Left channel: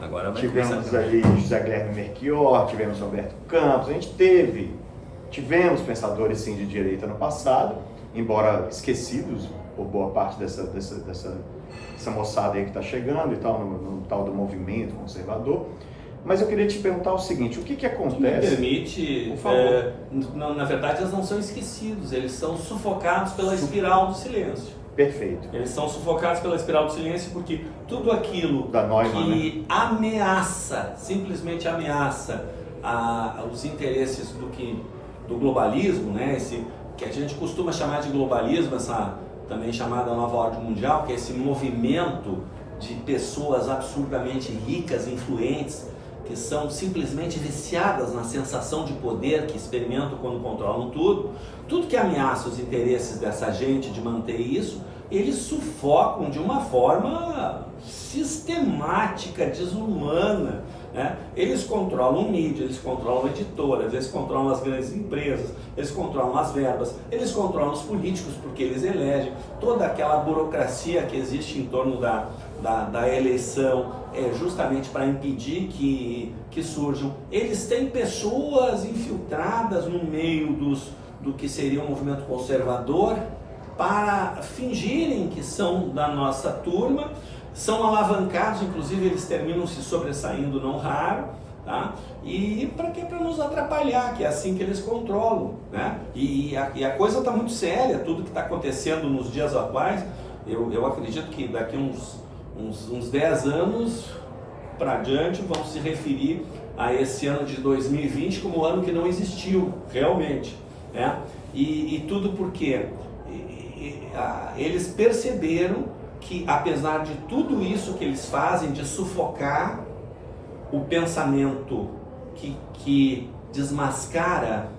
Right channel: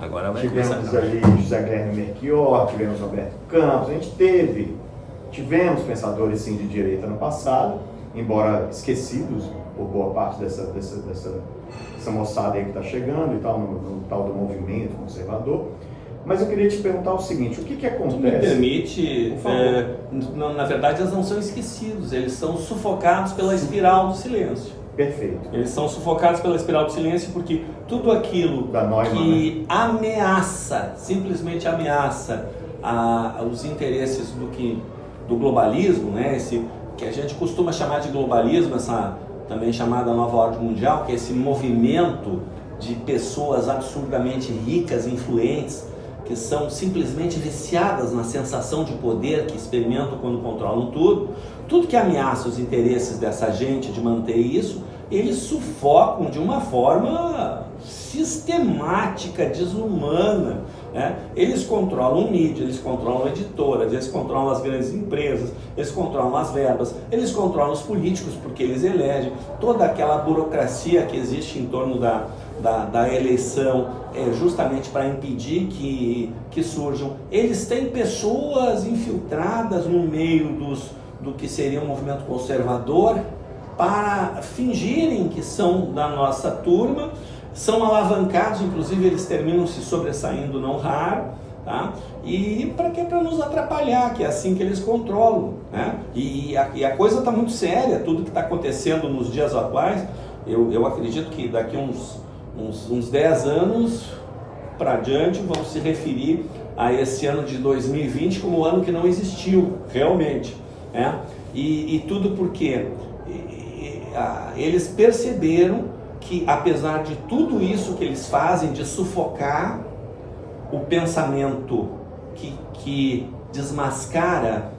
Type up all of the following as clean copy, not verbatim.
Agora vai tivemos começar a ali José Guilherme Melchior, tivemos Roberto Campos, a gente tivemos pensadores sim de direita no passado, embora esquecidos por boa parte dessa moçada aí que está chegando e tal, no tal do movimento conservador. Mas eu queria te perguntar o seguinte, o que acontece? Me permite, na verdade eles não são esquecidos, eles são sufocados pela espiral do silêncio. Perfeito. Eles são sufocados pela espiral do silêncio porque tudo aquilo que ameaça, simplesmente ameaça os interesses do globalismo, né? Esse que a gente costuma chamar de globalismo, essa também chamada nova ordem mundial, que é esse movimento de pessoas absurdamente ricas, influentes, que são simplesmente viciadas na sensação de poder que experimentam quando controlam tudo que ameaça os interesses dessa gente de manter isso, eles sufocam de uma forma sistemática, desumana, né? Eles controlam mídia, eles controlam editoras, eles controlam as grandes empresas, eles controlam as verbas, eles controlam os políticos porque eles elegem, toda aquela burocracia que existe em torno da eleição justamente para impedir que surjam. Eles têm pessoas infiltradas no meio do que seria um movimento conservador para fingirem que são da nossa turma, são alavancados, inclusive eles terminam se sobressaindo não raro, tá? E para quê? Para nos atrapalhar, que é assim que eles controlam, né? E a coisa está muito séria, tudo que está acontecendo nos dias atuais, eu acredito que daqui uns 10 anos para diante vão se referir a esse ano de 2020 como o ano que não existiu realmente, né? E tudo porque eles perceberam que apesar de tudo isso que eles fazem de sufocar o pensamento que desmascara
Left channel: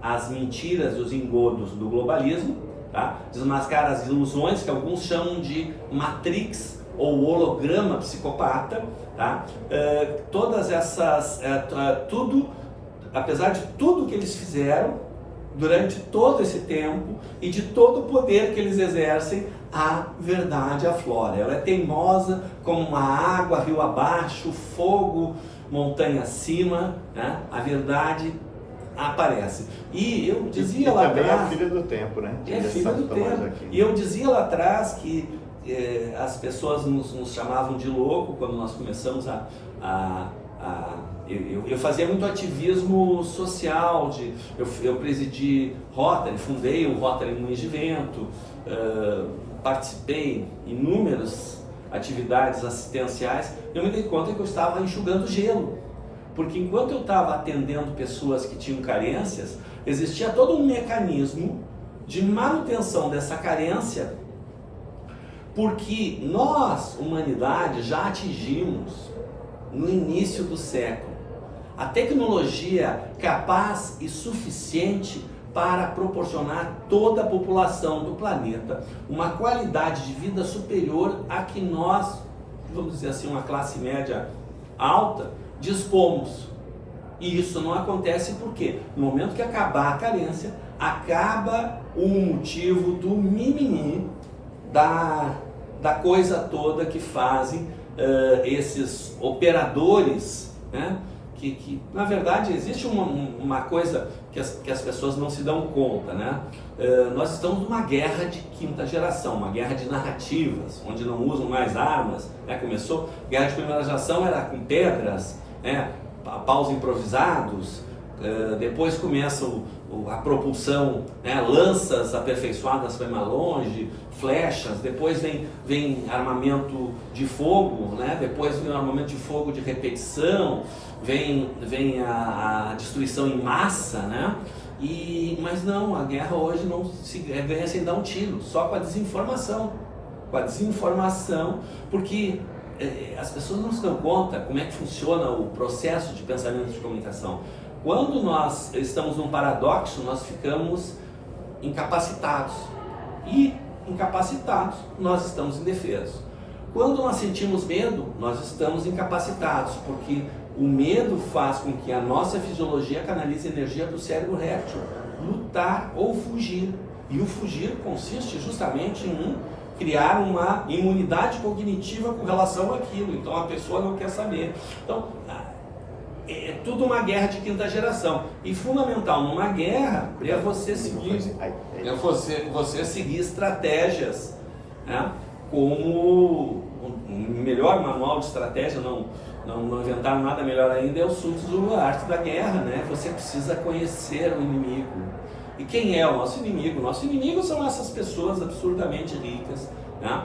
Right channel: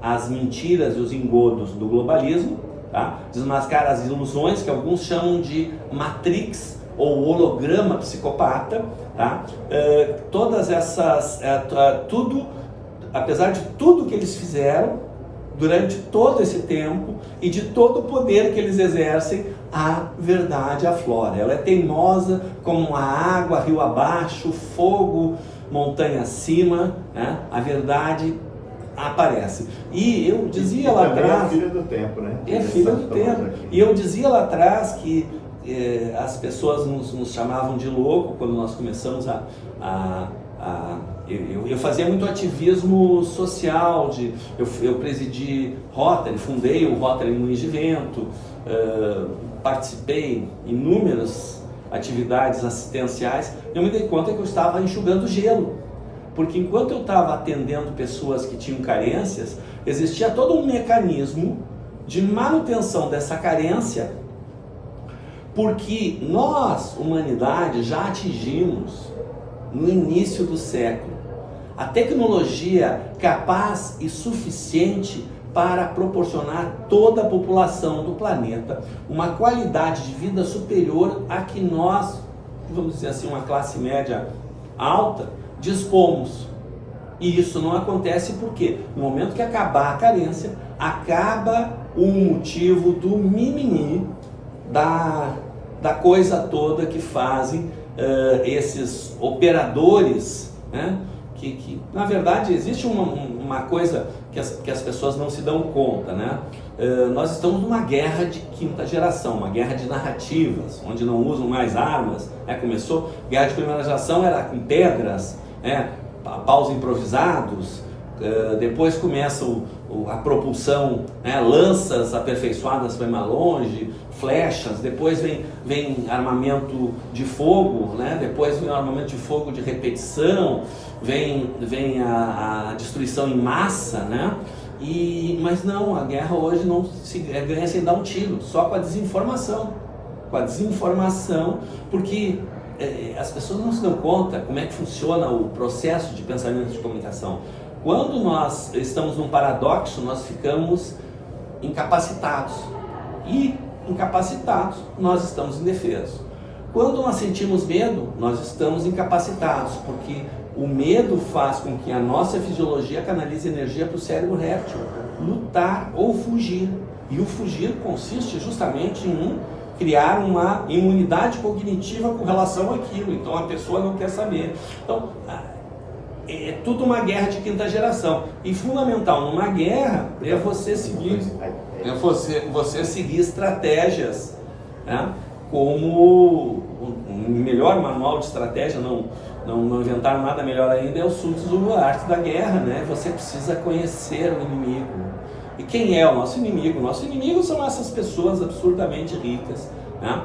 as mentiras e os engodos do globalismo, tá? Desmascara as ilusões que alguns chamam de matrix ou holograma psicopata, tá? Todas essas, apesar de tudo que eles fizeram durante todo esse tempo e de todo o poder que eles exercem, a verdade aflora. Ela é teimosa como a água, rio abaixo, fogo, montanha acima, né? A verdade aparece. E eu dizia lá atrás... É filha do tempo, né? É filha do tempo. E eu dizia lá atrás que as pessoas nos chamavam de louco quando nós começamos eu fazia muito ativismo social, eu presidi Rotary, fundei o Rotary Moinhos de Vento, participei em inúmeras atividades assistenciais. Eu me dei conta que eu estava enxugando gelo, porque enquanto eu estava atendendo pessoas que tinham carências, existia todo um mecanismo de manutenção dessa carência, porque nós, humanidade, já atingimos no início do século a tecnologia capaz e suficiente para proporcionar a toda a população do planeta uma qualidade de vida superior a que nós, vamos dizer assim, uma classe média alta, dispomos. E isso não acontece porque no momento que acabar a carência, acaba o motivo do mimimi, da coisa toda que fazem esses operadores, né? Que na verdade existe uma coisa que as pessoas não se dão conta, né? Nós estamos numa guerra de quinta geração, uma guerra de narrativas, onde não usam mais armas, né? Começou, guerra de primeira geração era com pedras, né? Paus improvisados, depois começa a propulsão, né? Lanças aperfeiçoadas para ir mais longe, flechas, depois vem armamento de fogo, né? Depois vem o armamento de fogo de repetição, vem a destruição em massa, né? Mas não, a guerra hoje não se ganha sem dar um tiro, só com a desinformação. Porque as pessoas não se dão conta como é que funciona o processo de pensamento de comunicação. Quando nós estamos num paradoxo, nós ficamos incapacitados. E incapacitados, nós estamos indefesos. Quando nós sentimos medo, nós estamos incapacitados, porque o medo faz com que a nossa fisiologia canalize energia para o cérebro réptil, lutar ou fugir. E o fugir consiste justamente em criar uma imunidade cognitiva com relação àquilo. Então a pessoa não quer saber. Então é tudo uma guerra de quinta geração. E fundamental numa guerra é você seguir, você seguir estratégias, né? Como o melhor manual de estratégia, não inventaram nada melhor ainda, é o Sun Tzu, a arte da guerra, né? Você precisa conhecer o inimigo. E quem é o nosso inimigo? O nosso inimigo são essas pessoas absurdamente ricas, né?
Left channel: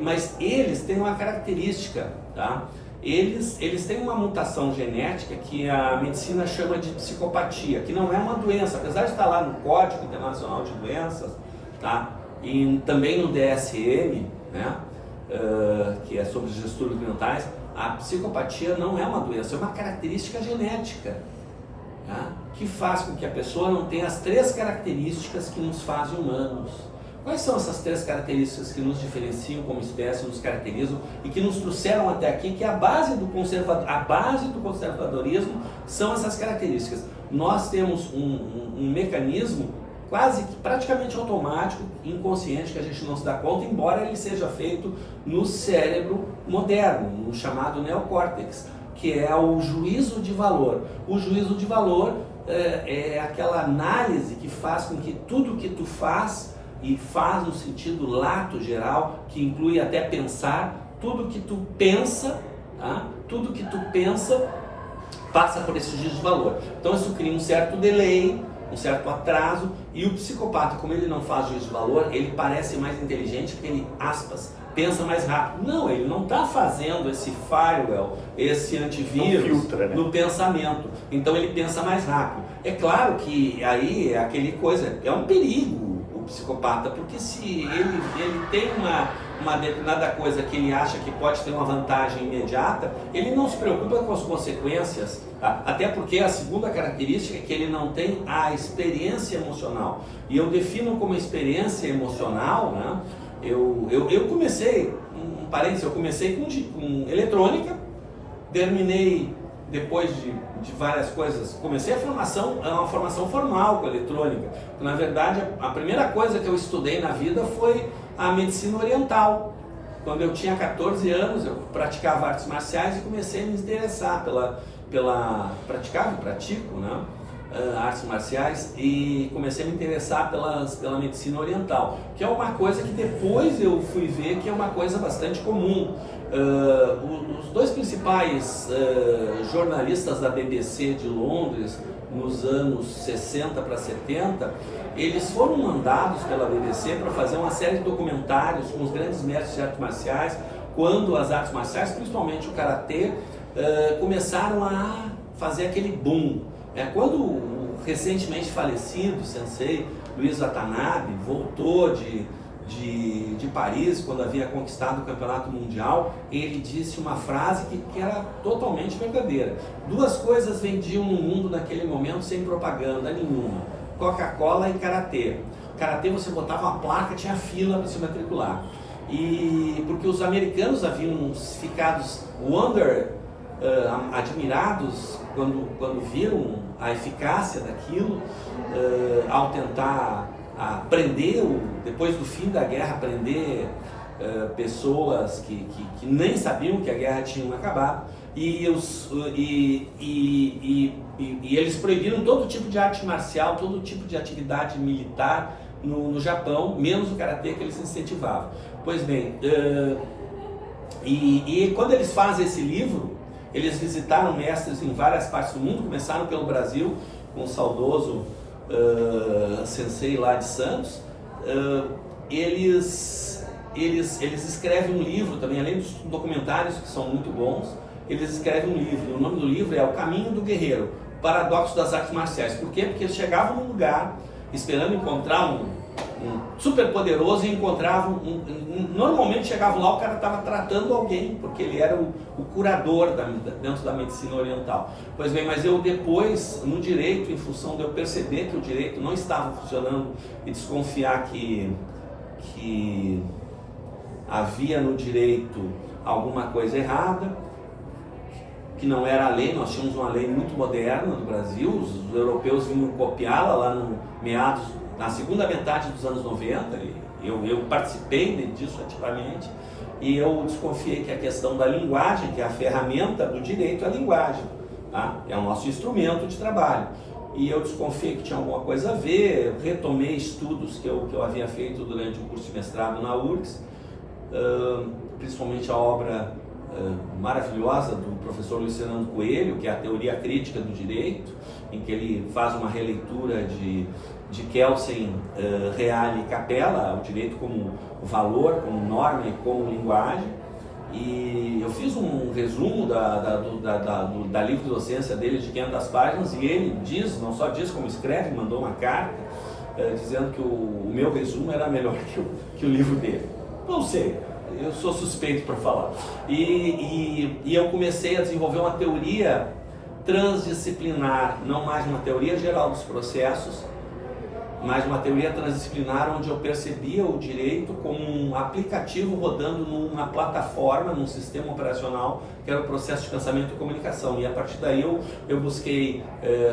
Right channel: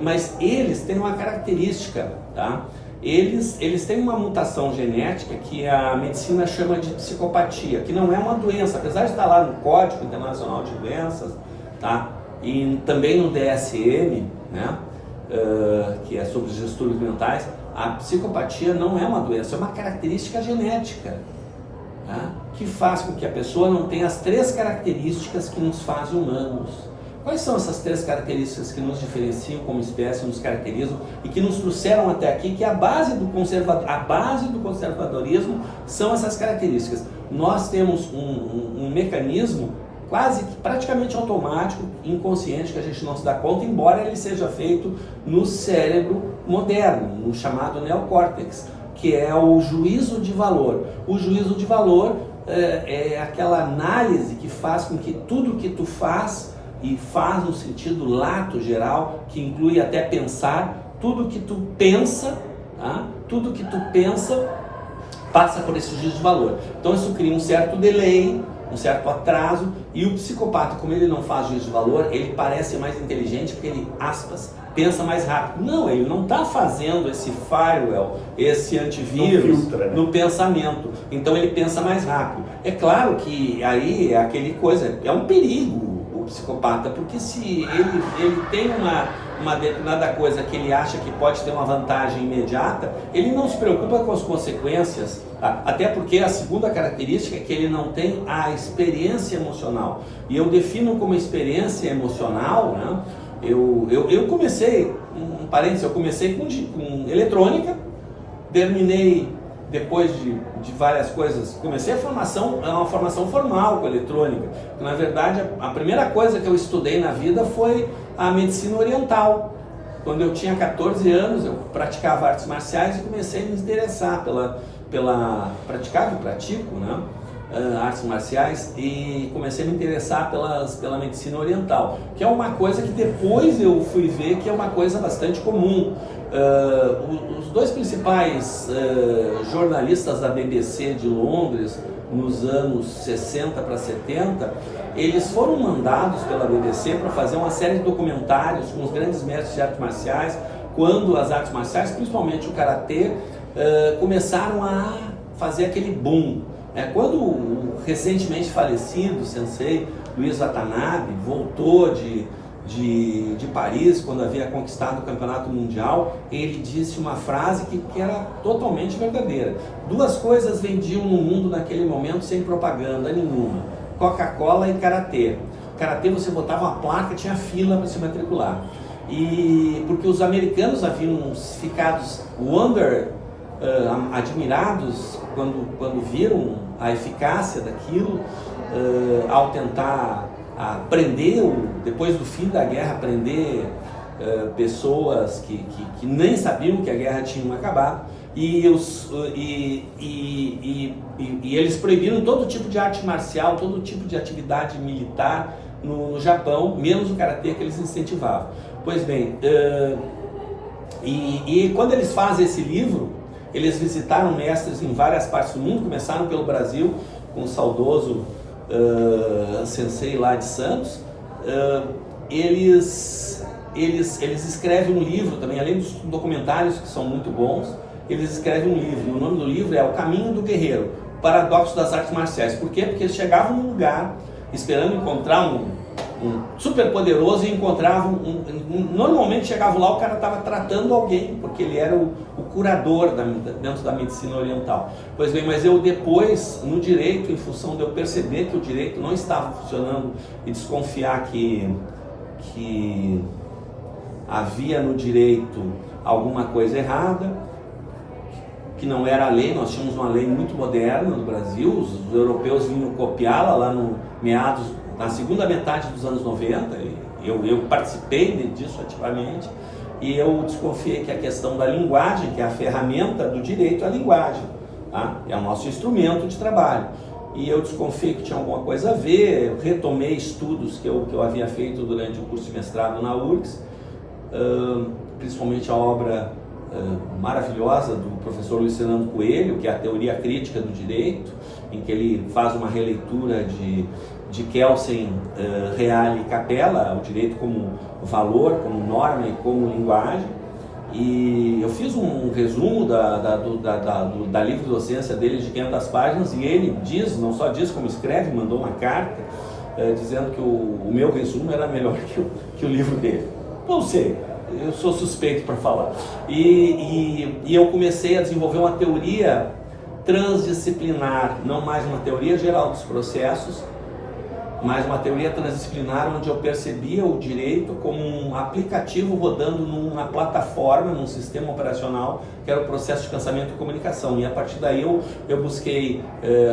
Mas eles têm uma característica, tá? Eles têm uma mutação genética que a medicina chama de psicopatia, que não é uma doença, apesar de estar lá no Código Internacional de Doenças, tá? E também no DSM, né? Que é sobre os distúrbios mentais. A psicopatia não é uma doença, é uma característica genética, tá? Que faz com que a pessoa não tenha as 3 características que nos fazem humanos. Quais são essas 3 características que nos diferenciam como espécie, nos caracterizam e que nos trouxeram até aqui, que é a base do conservadorismo são essas características. Nós temos um mecanismo quase que praticamente automático, inconsciente, que a gente não se dá conta, embora ele seja feito no cérebro moderno, no chamado neocórtex, que é o juízo de valor. O juízo de valor é aquela análise que faz com que tudo que tu faz, e faz no sentido lato geral, que inclui até pensar, tudo que tu pensa, tá? Tudo que tu pensa passa por esse juízo de valor. Então isso cria um certo delay, um certo atraso, e o psicopata, como ele não faz juízo de valor, ele parece mais inteligente porque ele, aspas, pensa mais rápido. Não, ele não está fazendo esse firewall, esse antivírus no pensamento. Então ele pensa mais rápido. É claro que aí é aquele coisa, é um perigo o psicopata, porque se ele tem uma determinada coisa que ele acha que pode ter uma vantagem imediata, ele não se preocupa com as consequências, tá? Até porque a segunda característica é que ele não tem a experiência emocional. E eu defino como experiência emocional, né? Eu comecei, um parênteses, eu comecei com eletrônica, terminei depois de várias coisas, comecei uma formação formal com eletrônica. Na verdade, a primeira coisa que eu estudei na vida foi a medicina oriental. Quando eu tinha 14 anos, eu praticava artes marciais e comecei a me interessar praticava e pratico, né? Artes marciais, e comecei a me interessar pela medicina oriental, que é uma coisa que depois eu fui ver que é uma coisa bastante comum. Os 2 principais jornalistas da BBC de Londres, nos anos 60 para 70, eles foram mandados pela BBC para fazer uma série de documentários com os grandes mestres de artes marciais, quando as artes marciais, principalmente o karatê, começaram a fazer aquele boom. Quando o recentemente falecido sensei Luiz Watanabe voltou de Paris, quando havia conquistado o campeonato mundial, ele disse uma frase que era totalmente verdadeira. 2 coisas vendiam no mundo naquele momento sem propaganda nenhuma: Coca-Cola e karatê. Karatê, você botava uma placa, tinha fila para se matricular. E porque os americanos haviam ficado admirados quando viram a eficácia daquilo, ao tentar aprender, depois do fim da guerra, aprender pessoas que nem sabiam que a guerra tinha acabado, e eles proibiram todo tipo de arte marcial, todo tipo de atividade militar no Japão, menos o karatê, que eles incentivavam. Pois bem, e quando eles fazem esse livro, eles visitaram mestres em várias partes do mundo, começaram pelo Brasil, com o saudoso sensei lá de Santos. Eles escrevem um livro também, além dos documentários que são muito bons, eles escrevem um livro. O nome do livro é O Caminho do Guerreiro, Paradoxo das Artes Marciais. Por quê? Porque eles chegavam num lugar esperando encontrar um super poderoso e encontravam normalmente chegavam lá, o cara estava tratando alguém, porque ele era o curador dentro da medicina oriental. Pois bem, mas eu depois, no direito, em função de eu perceber que o direito não estava funcionando e desconfiar que havia no direito alguma coisa errada, que não era a lei, nós tínhamos uma lei muito moderna no Brasil, os europeus vinham copiá-la lá na segunda metade dos anos 90, eu participei disso ativamente, e eu desconfiei que a questão da linguagem, que é a ferramenta do direito, é a linguagem, tá? É o nosso instrumento de trabalho. E eu desconfiei que tinha alguma coisa a ver. Eu retomei estudos que eu havia feito durante o curso de mestrado na URGS, principalmente a obra maravilhosa do professor Luiz Fernando Coelho, que é a Teoria Crítica do Direito, em que ele faz uma releitura de Kelsen, Reale e Capella, o direito como valor, como norma e como linguagem. E eu fiz um resumo da livre docência dele de 500 páginas, e ele diz, não só diz como escreve, mandou uma carta dizendo que o meu resumo era melhor que o livro dele. Não sei, eu sou suspeito para falar. E eu comecei a desenvolver uma teoria transdisciplinar, não mais uma teoria geral dos processos, mas uma teoria transdisciplinar onde eu percebia o direito como um aplicativo rodando numa plataforma, num sistema operacional, que era o processo de pensamento e comunicação. E a partir daí eu busquei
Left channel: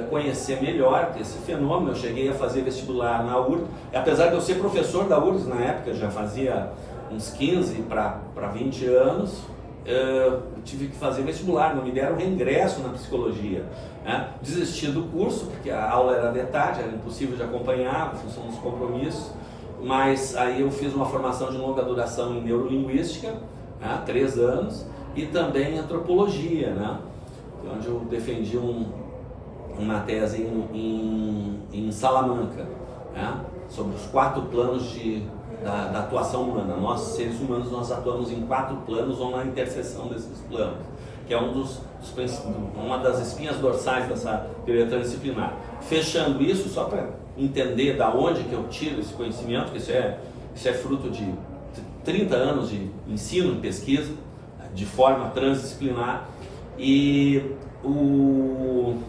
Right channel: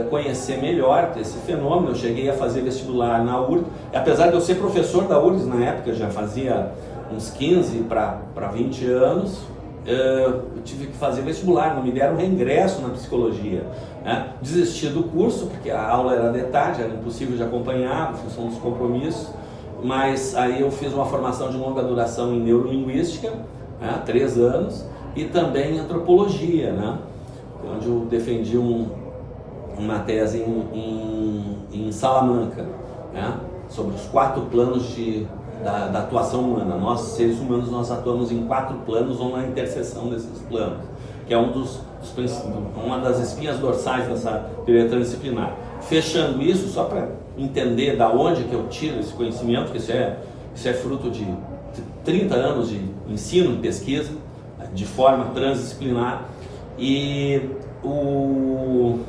conhecer melhor esse fenômeno. Eu cheguei a fazer vestibular na URGS, apesar de eu ser professor da URGS na época, já fazia uns 15 para 20 anos, eu tive que fazer vestibular, não me deram reingresso na psicologia, né? Desisti do curso, porque a aula era de tarde, era impossível de acompanhar, em função dos compromissos, mas aí eu fiz uma formação de longa duração em neurolinguística, né? 3 anos, e também em antropologia, né? Onde eu defendi uma tese em Salamanca, né? Sobre os 4 planos da atuação humana. Nós, seres humanos, nós atuamos em 4 planos ou na interseção desses planos, que é uma das espinhas dorsais dessa teoria transdisciplinar. Fechando isso, só para entender da onde que eu tiro esse conhecimento, que isso é fruto de 30 anos de ensino e pesquisa, de forma transdisciplinar, e o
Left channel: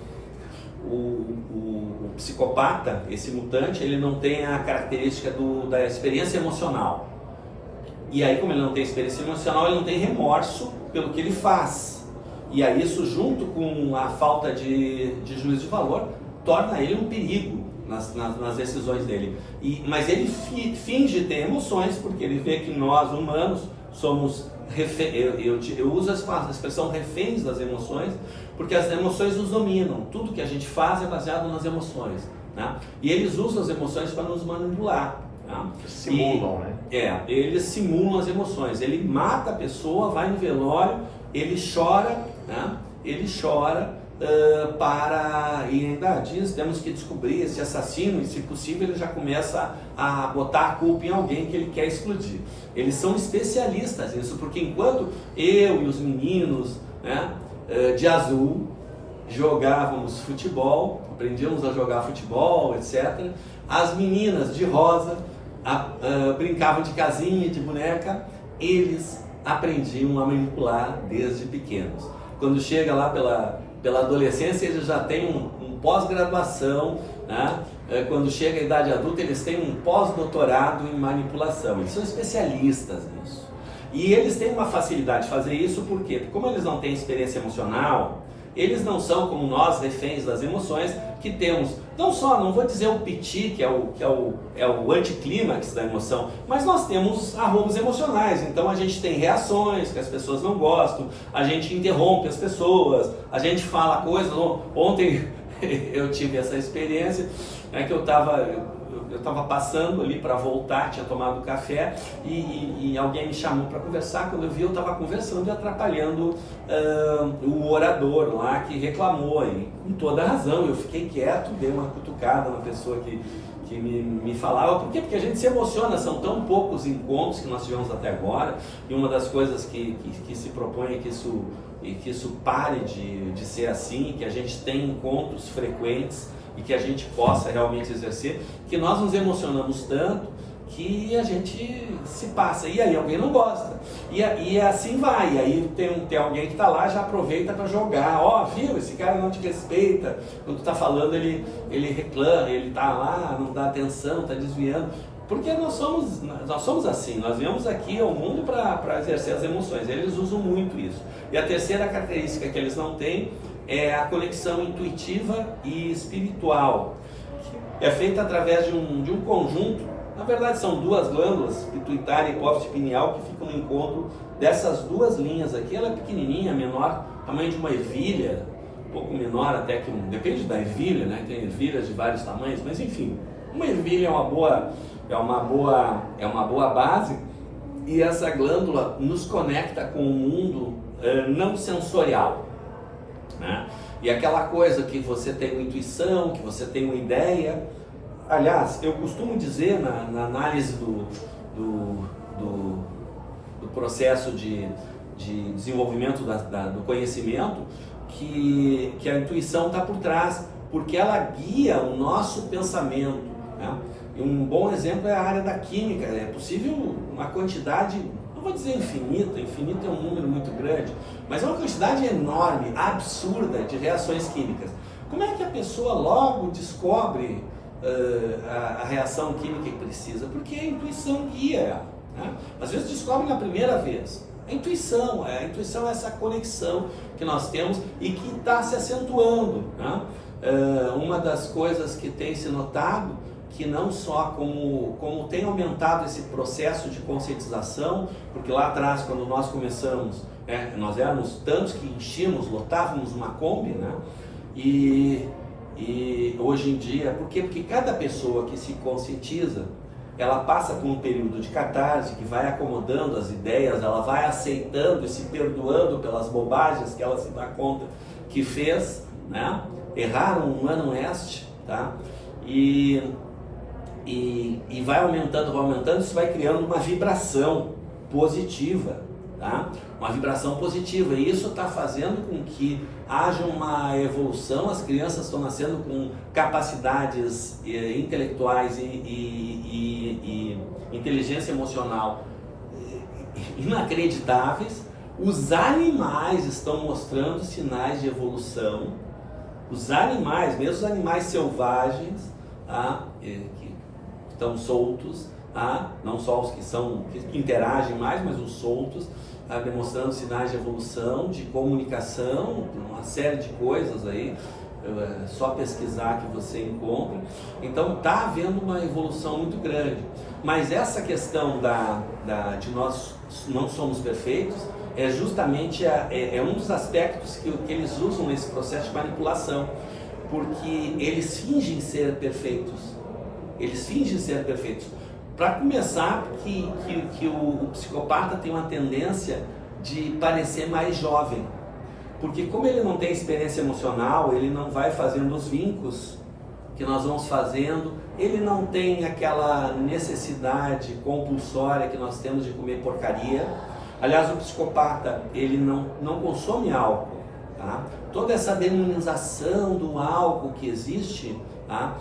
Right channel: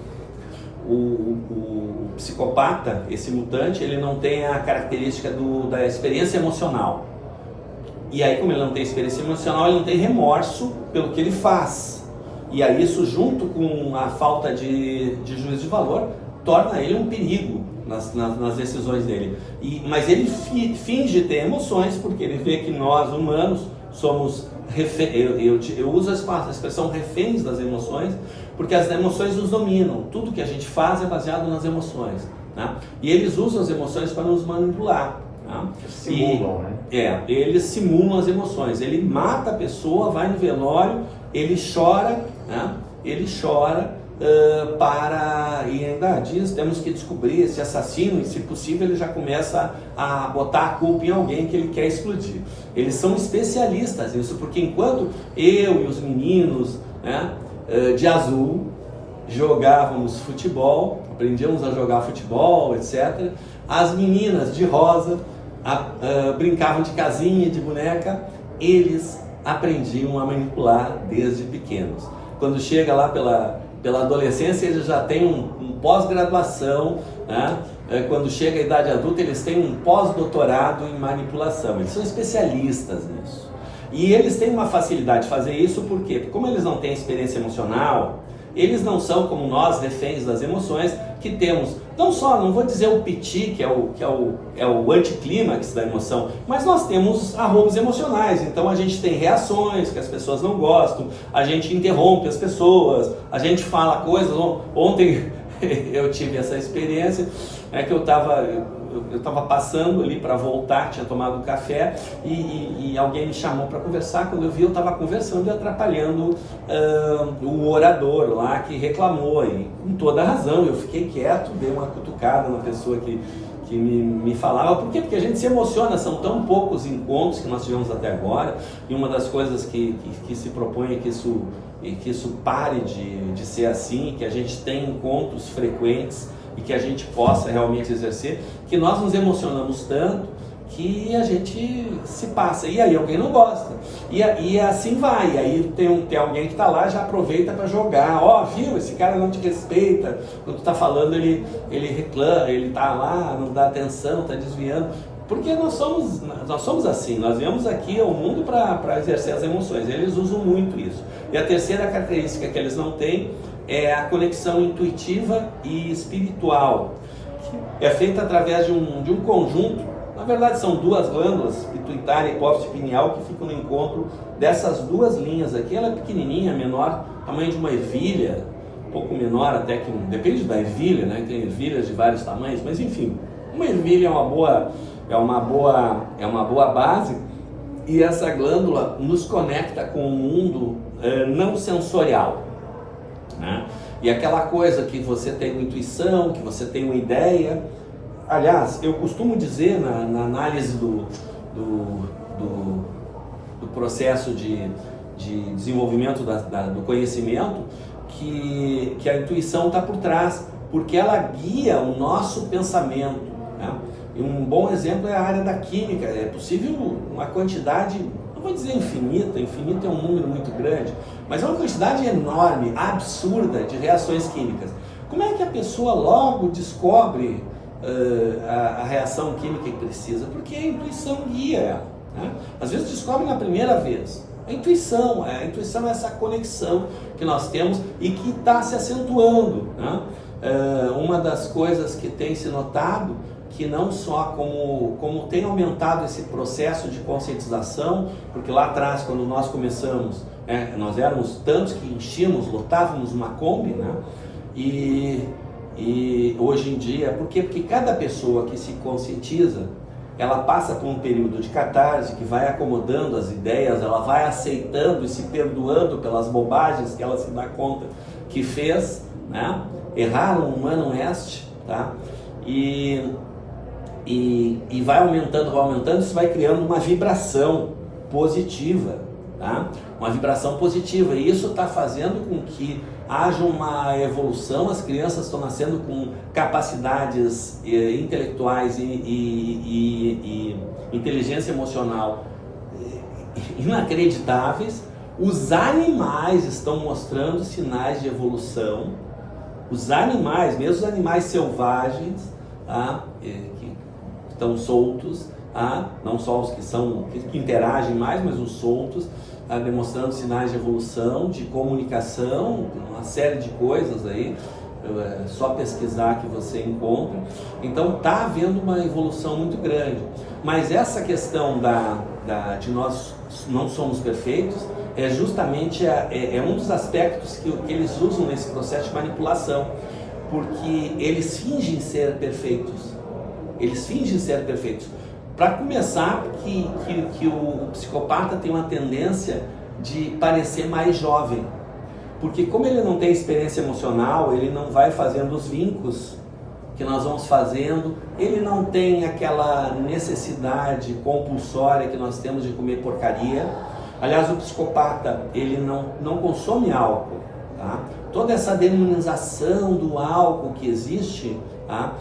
psicopata, esse mutante, ele não tem a característica da experiência emocional. E aí, como ele não tem experiência emocional, ele não tem remorso pelo que ele faz. E aí isso, junto com a falta de juízo de valor, torna ele um perigo nas decisões dele. Mas ele finge ter emoções, porque ele vê que nós, humanos, somos eu uso a expressão reféns das emoções, porque as emoções nos dominam. Tudo que a gente faz é baseado nas emoções, né? E eles usam as emoções para nos manipular, né? Simulam, né? Eles simulam as emoções. Ele mata a pessoa, vai no velório, ele chora, né? Ele chora e ainda diz, temos que descobrir esse assassino, e se possível ele já começa a botar a culpa em alguém que ele quer explodir. Eles são especialistas nisso, porque enquanto eu e os meninos, né, de azul jogávamos futebol, aprendíamos a jogar futebol, etc., as meninas de rosa brincavam de casinha, de boneca, eles aprendiam a manipular desde pequenos. Quando chega lá pela adolescência, eles já têm um pós-graduação, né? Quando chega a idade adulta, eles têm um pós-doutorado em manipulação. Eles são especialistas nisso. E eles têm uma facilidade de fazer isso, por quê? Porque como eles não têm experiência emocional, eles não são como nós, reféns das emoções, que temos, não vou dizer o piti, que é o anticlímax da emoção, mas nós temos arroubos emocionais. Então a gente tem reações que as pessoas não gostam, a gente interrompe as pessoas, a gente fala coisas. Ontem eu tive essa experiência, que eu estava passando ali para voltar, tinha tomado café, e alguém me chamou para conversar. Quando eu vi, eu estava conversando e atrapalhando o orador lá, que reclamou, e com toda a razão. Eu fiquei quieto, dei uma cutucada na pessoa que me falava. Por quê? Porque a gente se emociona. São tão poucos encontros que nós tivemos até agora, e uma das coisas que se propõe é que isso pare de ser assim, que a gente tenha encontros frequentes e que a gente possa realmente exercer, que nós nos emocionamos tanto que a gente se passa, e aí alguém não gosta, e assim vai, e aí tem alguém que está lá, já aproveita para jogar, viu, esse cara não te respeita, quando tu está falando ele reclama, ele está lá, não dá atenção, está desviando, porque nós somos assim, nós viemos aqui ao mundo para exercer as emoções. Eles usam muito isso. E a terceira característica que eles não têm é a conexão intuitiva e espiritual, que é feita através de um conjunto Na verdade são duas glândulas, pituitária e hipófise pineal, que ficam no encontro dessas duas linhas aqui. Ela é pequenininha, menor, tamanho de uma ervilha, um pouco menor até que, depende da ervilha, né? Tem ervilhas de vários tamanhos, mas enfim, uma ervilha é uma boa base, e essa glândula nos conecta com o mundo não sensorial, né? E aquela coisa que você tem uma intuição, que você tem uma ideia. Aliás, eu costumo dizer na análise do processo de desenvolvimento do conhecimento, que a intuição está por trás, porque ela guia o nosso pensamento, né? E um bom exemplo é a área da química. É possível uma quantidade, não vou dizer infinita é um número muito grande, mas é uma quantidade enorme, absurda de reações químicas. Como é que a pessoa logo descobre a reação química que precisa? Porque a intuição guia ela, né? Às vezes descobre na primeira vez. A intuição é essa conexão que nós temos e que está se acentuando, né? Uma das coisas que tem se notado, que não só como tem aumentado esse processo de conscientização, porque lá atrás, quando nós começamos, nós éramos tantos que lotávamos uma Kombi, né? E hoje em dia, por quê? Porque cada pessoa que se conscientiza, ela passa por um período de catarse, que vai acomodando as ideias, ela vai aceitando e se perdoando pelas bobagens que ela se dá conta que fez, né? Erraram um ano este, tá? E vai aumentando, isso vai criando uma vibração positiva, tá? Uma vibração positiva, e isso está fazendo com que haja uma evolução. As crianças estão nascendo com capacidades intelectuais e inteligência emocional inacreditáveis. Os animais estão mostrando sinais de evolução. Os animais, mesmo os animais selvagens, tá? Que estão soltos, tá? Não só os que interagem mais, mas os soltos, tá? Demonstrando sinais de evolução, de comunicação, uma série de coisas aí. É só pesquisar que você encontra. Então está havendo uma evolução muito grande. Mas essa questão de nós não somos perfeitos é justamente um dos aspectos que eles usam nesse processo de manipulação, porque eles fingem ser perfeitos. Para começar, que o psicopata tem uma tendência de parecer mais jovem, porque como ele não tem experiência emocional, ele não vai fazendo os vincos que nós vamos fazendo, ele não tem aquela necessidade compulsória que nós temos de comer porcaria. Aliás, o psicopata, ele não consome álcool, tá? Toda essa demonização do álcool que existe, tá?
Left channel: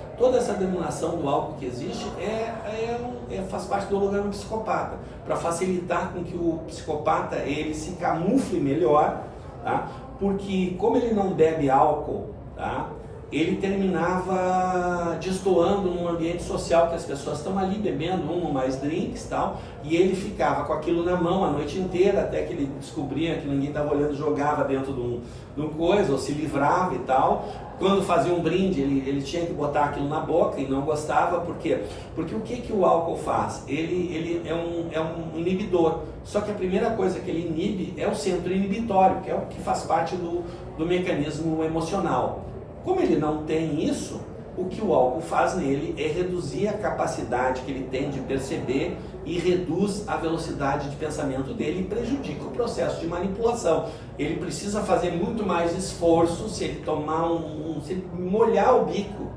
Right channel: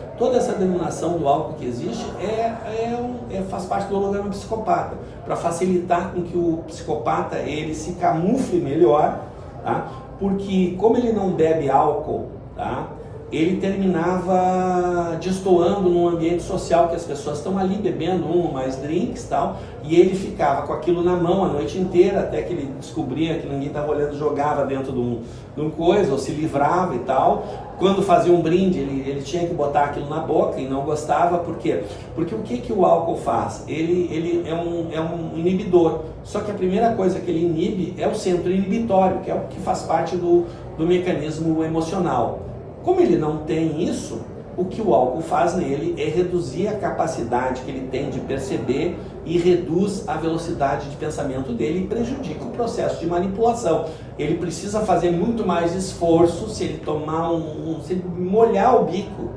Faz parte do holograma psicopata, para facilitar com que o psicopata ele se camufle melhor, tá? Porque como ele não bebe álcool, tá? Ele terminava destoando num ambiente social que as pessoas estão ali bebendo um ou mais drinks e tal, e ele ficava com aquilo na mão a noite inteira, até que ele descobria que ninguém estava olhando, jogava dentro de um coisa, ou se livrava e tal. Quando fazia um brinde, ele tinha que botar aquilo na boca e não gostava. Por quê? Porque o que o álcool faz? Ele é um inibidor, só que a primeira coisa que ele inibe é o centro inibitório, que é o que faz parte do mecanismo emocional. Como ele não tem isso, o que o álcool faz nele é reduzir a capacidade que ele tem de perceber e reduz a velocidade de pensamento dele e prejudica o processo de manipulação. Ele precisa fazer muito mais esforço se ele tomar se ele molhar o bico,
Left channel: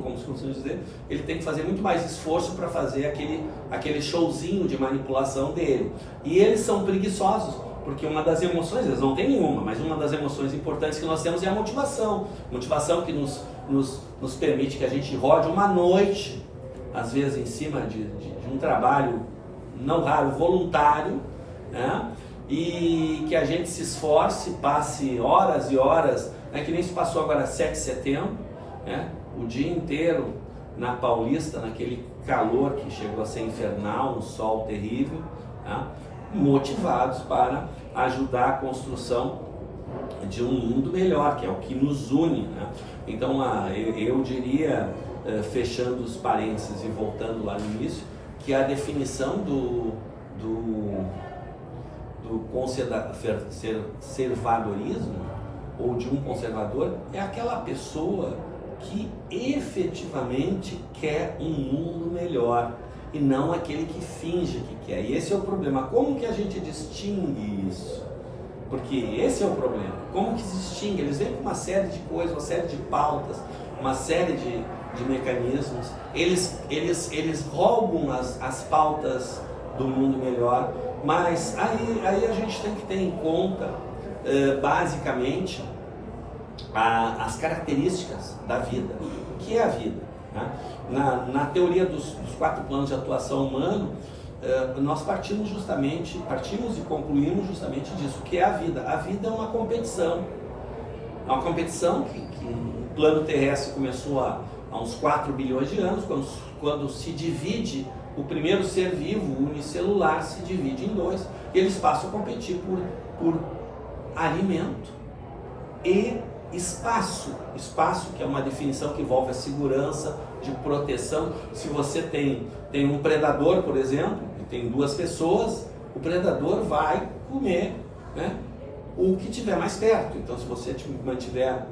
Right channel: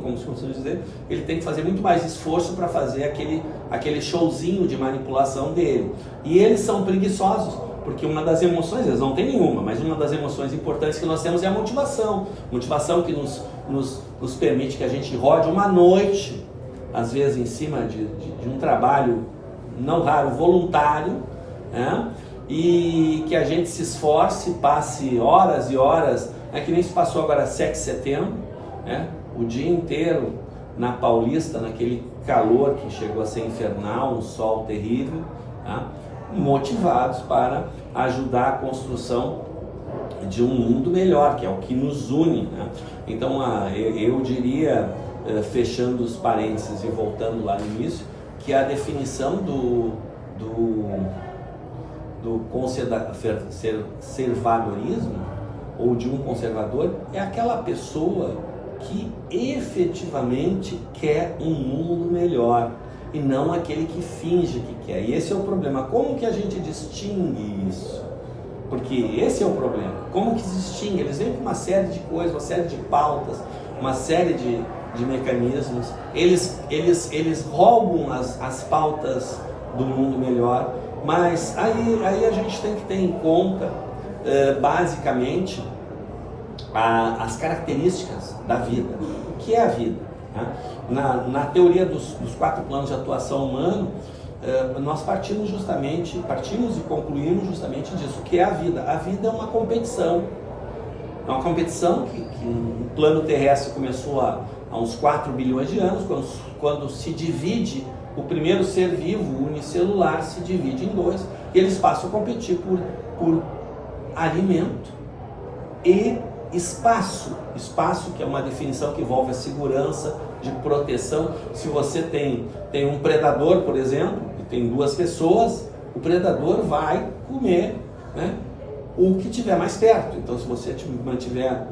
como se costuma dizer, ele tem que fazer muito mais esforço para fazer aquele showzinho de manipulação dele. E eles são preguiçosos, porque uma das emoções, eles não têm nenhuma, mas uma das emoções importantes que nós temos é a motivação. Motivação que nos permite que a gente rode uma noite, às vezes em cima de um trabalho, não raro, voluntário, né? E que a gente se esforce, passe horas e horas, que nem se passou agora 7 de setembro, né? O dia inteiro na Paulista, naquele calor que chegou a ser infernal, um sol terrível, tá? Motivados para ajudar a construção de um mundo melhor, que é o que nos une, né? Então eu diria fechando os parênteses e voltando lá no início, que a definição do conservadorismo, ou de um conservador, é aquela pessoa que efetivamente quer um mundo melhor, e não aquele que finge que quer. E esse é o problema. Como que a gente distingue isso? Porque esse é o problema. Como que se distingue? Eles vêm com uma série de coisas, uma série de pautas, uma série de mecanismos. Eles roubam as pautas do mundo melhor, mas aí a gente tem que ter em conta, basicamente, as características da vida. O que é a vida? Né? Na teoria dos 4 planos de atuação humano, nós partimos e concluímos justamente disso. O que é a vida? A vida é uma competição. É uma competição que no plano terrestre começou há uns 4 bilhões de anos, quando se divide, o primeiro ser vivo, unicelular, se divide em 2, e eles passam a competir por alimento e espaço, que é uma definição que envolve a segurança, de proteção. Se você tem um predador, por exemplo, e tem 2 pessoas, o predador vai comer, né, o que tiver mais perto. Então, se você tiver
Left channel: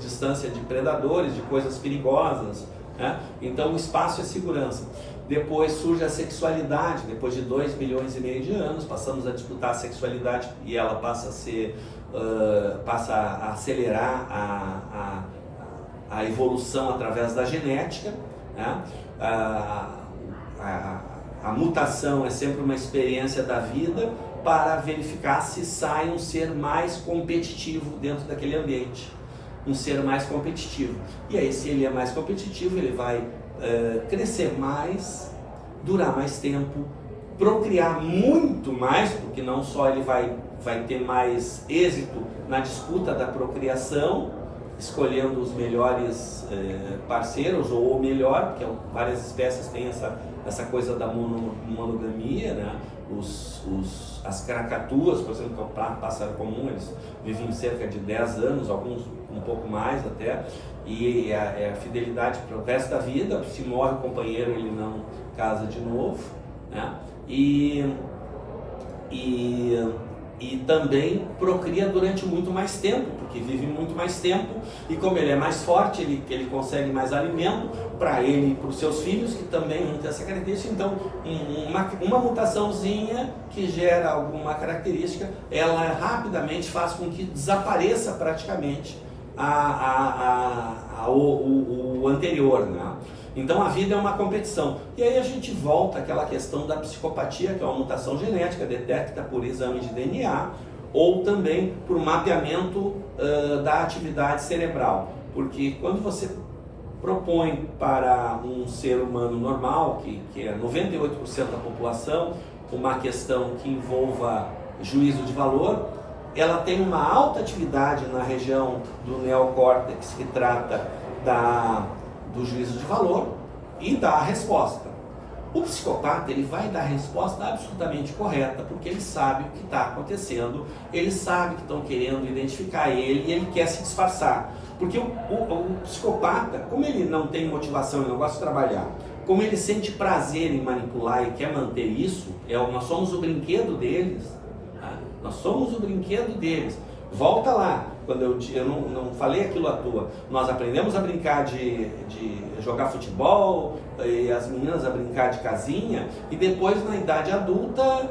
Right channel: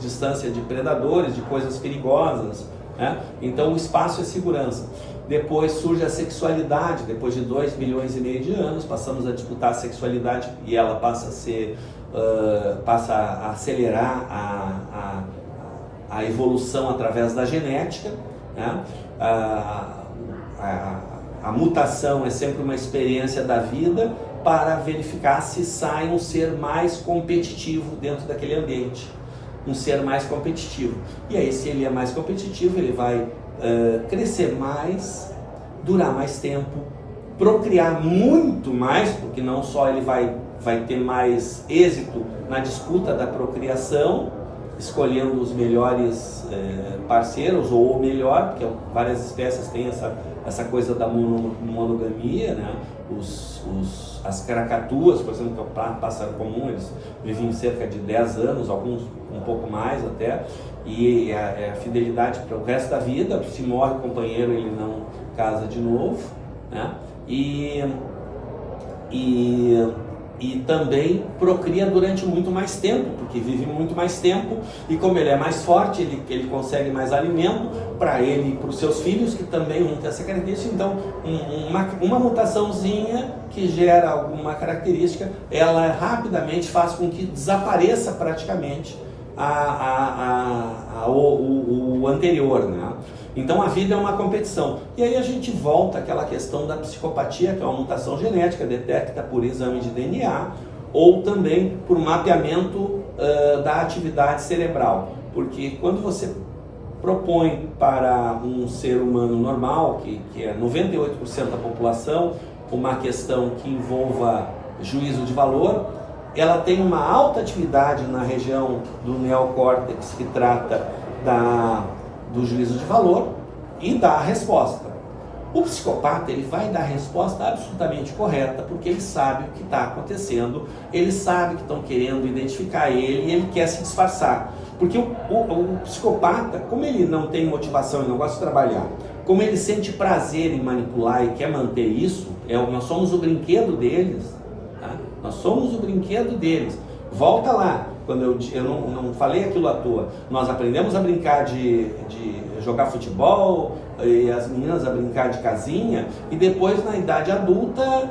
distância de predadores, de coisas perigosas, né, então o espaço é segurança. Depois surge a sexualidade. Depois de 2 bilhões e meio de anos, passamos a disputar a sexualidade, e ela passa a acelerar a evolução através da genética, né? A mutação é sempre uma experiência da vida para verificar se sai um ser mais competitivo dentro daquele ambiente, um ser mais competitivo. E aí, se ele é mais competitivo, ele vai crescer mais, durar mais tempo, procriar muito mais, porque não só ele vai ter mais êxito na disputa da procriação, escolhendo os melhores parceiros, ou o melhor, porque várias espécies têm essa coisa da monogamia, né? As caracatuas, por exemplo, que é o pássaro comum, eles vivem cerca de 10 anos, alguns um pouco mais até, e a fidelidade para o resto da vida. Se morre o companheiro, ele não casa de novo, né? E também procria durante muito mais tempo, porque vive muito mais tempo, e como ele é mais forte, ele consegue mais alimento para ele e para os seus filhos, que também vão ter essa característica. Então, uma mutaçãozinha que gera alguma característica, ela rapidamente faz com que desapareça praticamente o anterior, né? Então a vida é uma competição. E aí a gente volta àquela questão da psicopatia, que é uma mutação genética, detecta por exame de DNA, ou também por mapeamento da atividade cerebral. Porque quando você propõe para um ser humano normal, que é 98% da população, uma questão que envolva juízo de valor, ela tem uma alta atividade na região do neocórtex que trata do juízo de valor e dá a resposta. O psicopata, ele vai dar a resposta absolutamente correta, porque ele sabe o que está acontecendo, ele sabe que estão querendo identificar ele, e ele quer se disfarçar. Porque o psicopata, como ele não tem motivação, ele não gosta de trabalhar, como ele sente prazer em manipular e quer manter isso, nós somos o brinquedo deles, tá? Nós somos o brinquedo deles. Volta lá, quando eu não falei aquilo à toa. Nós aprendemos a brincar de jogar futebol, e as meninas a brincar de casinha, e depois, na idade adulta,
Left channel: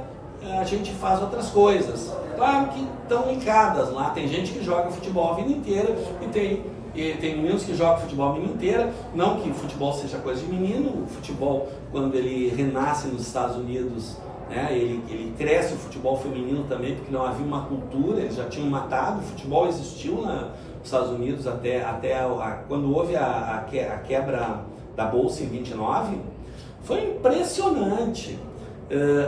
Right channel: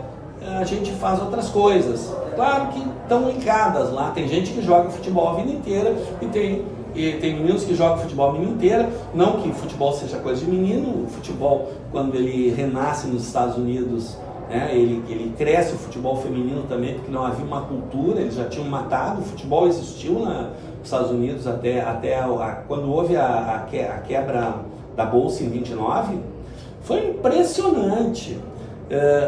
a gente faz outras coisas. Claro que estão linkadas lá. Tem gente que joga futebol a vida inteira, e tem meninos que jogam futebol a vida inteira. Não que futebol seja coisa de menino. O futebol, quando ele renasce nos Estados Unidos, ele cresce o futebol feminino também, porque não havia uma cultura, eles já tinham matado. O futebol existiu nos Estados Unidos até quando houve a quebra da Bolsa em 29, foi impressionante.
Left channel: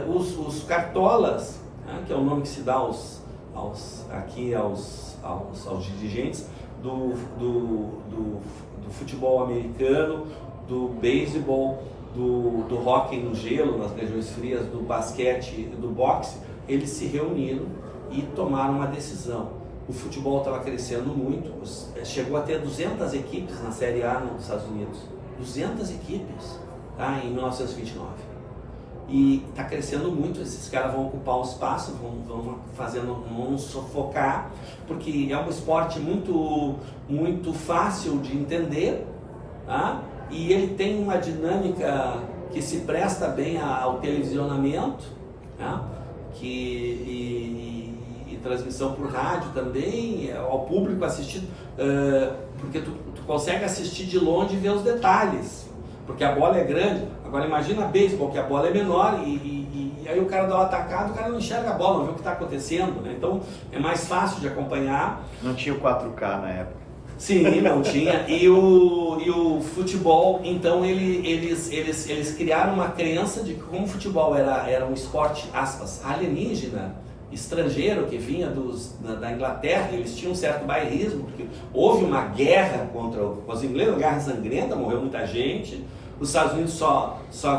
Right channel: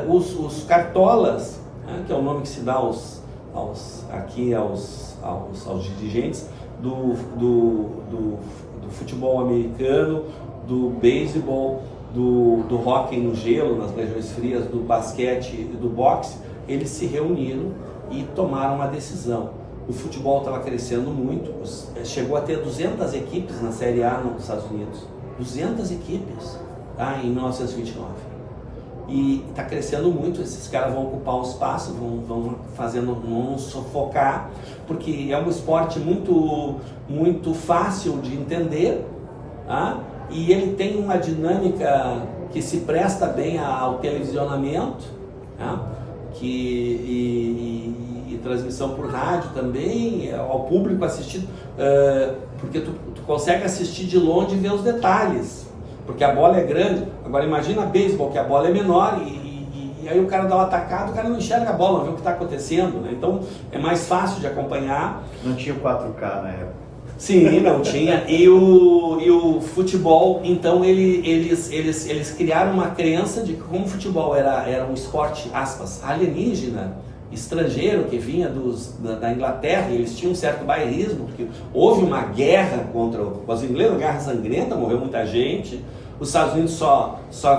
Os cartolas, que é o nome que se dá aos dirigentes do futebol americano, do beisebol, do hóquei no gelo, nas regiões frias, do basquete e do boxe, eles se reuniram e tomaram uma decisão. o futebol estava crescendo muito, chegou a ter 200 equipes na Série A nos Estados Unidos, 200 equipes, tá, em 1929. E está crescendo muito, esses caras vão ocupar o espaço, vão sufocar, porque é um esporte muito fácil de entender, tá? E ele tem uma dinâmica que se presta bem ao televisionamento, tá? E transmissão por rádio também, ao público assistir, porque tu consegue assistir de longe e ver os detalhes, porque a bola é grande. Agora imagina beisebol, que a bola é menor e aí o cara dá uma atacada, o cara não enxerga a bola, não vê o que está acontecendo, né? Então é mais fácil de acompanhar. Não tinha o 4K na época. Sim, não tinha. E o futebol, então eles criaram uma crença de que como o futebol era um esporte, aspas, alienígena, estrangeiro, que vinha da Inglaterra, e eles tinham um certo bairrismo, porque houve uma guerra contra os ingleses, uma guerra sangrenta, morreu muita gente. Os Estados Unidos só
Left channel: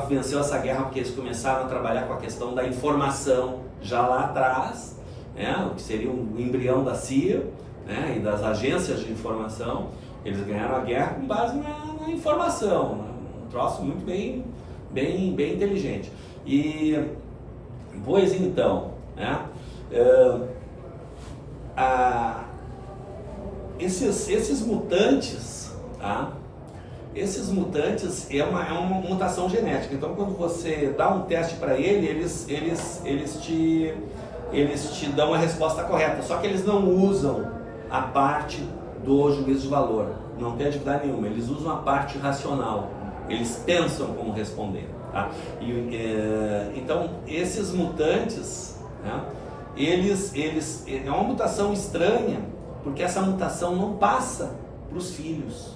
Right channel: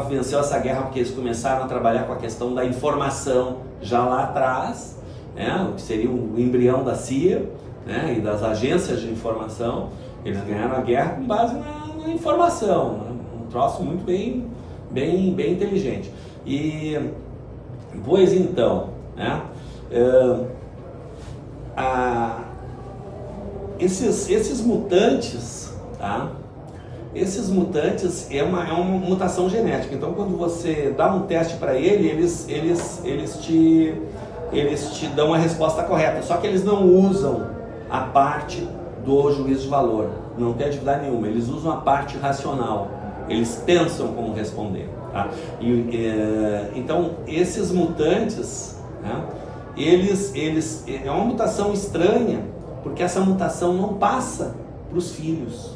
venceu essa guerra porque eles começaram a trabalhar com a questão da informação já lá atrás, né, o que seria o embrião da CIA, né, e das agências de informação. Eles ganharam a guerra com base na informação, né, um troço muito bem inteligente. E, pois então, né, esses mutantes, tá? Esses mutantes é uma mutação genética. Então, quando você dá um teste para eles te dão a resposta correta. Só que eles não usam a parte do juízo de valor. Não tem atividade nenhuma. Eles usam a parte racional. Eles pensam como responder. Tá? Então, esses mutantes, né, é uma mutação estranha, porque essa mutação não passa para os filhos.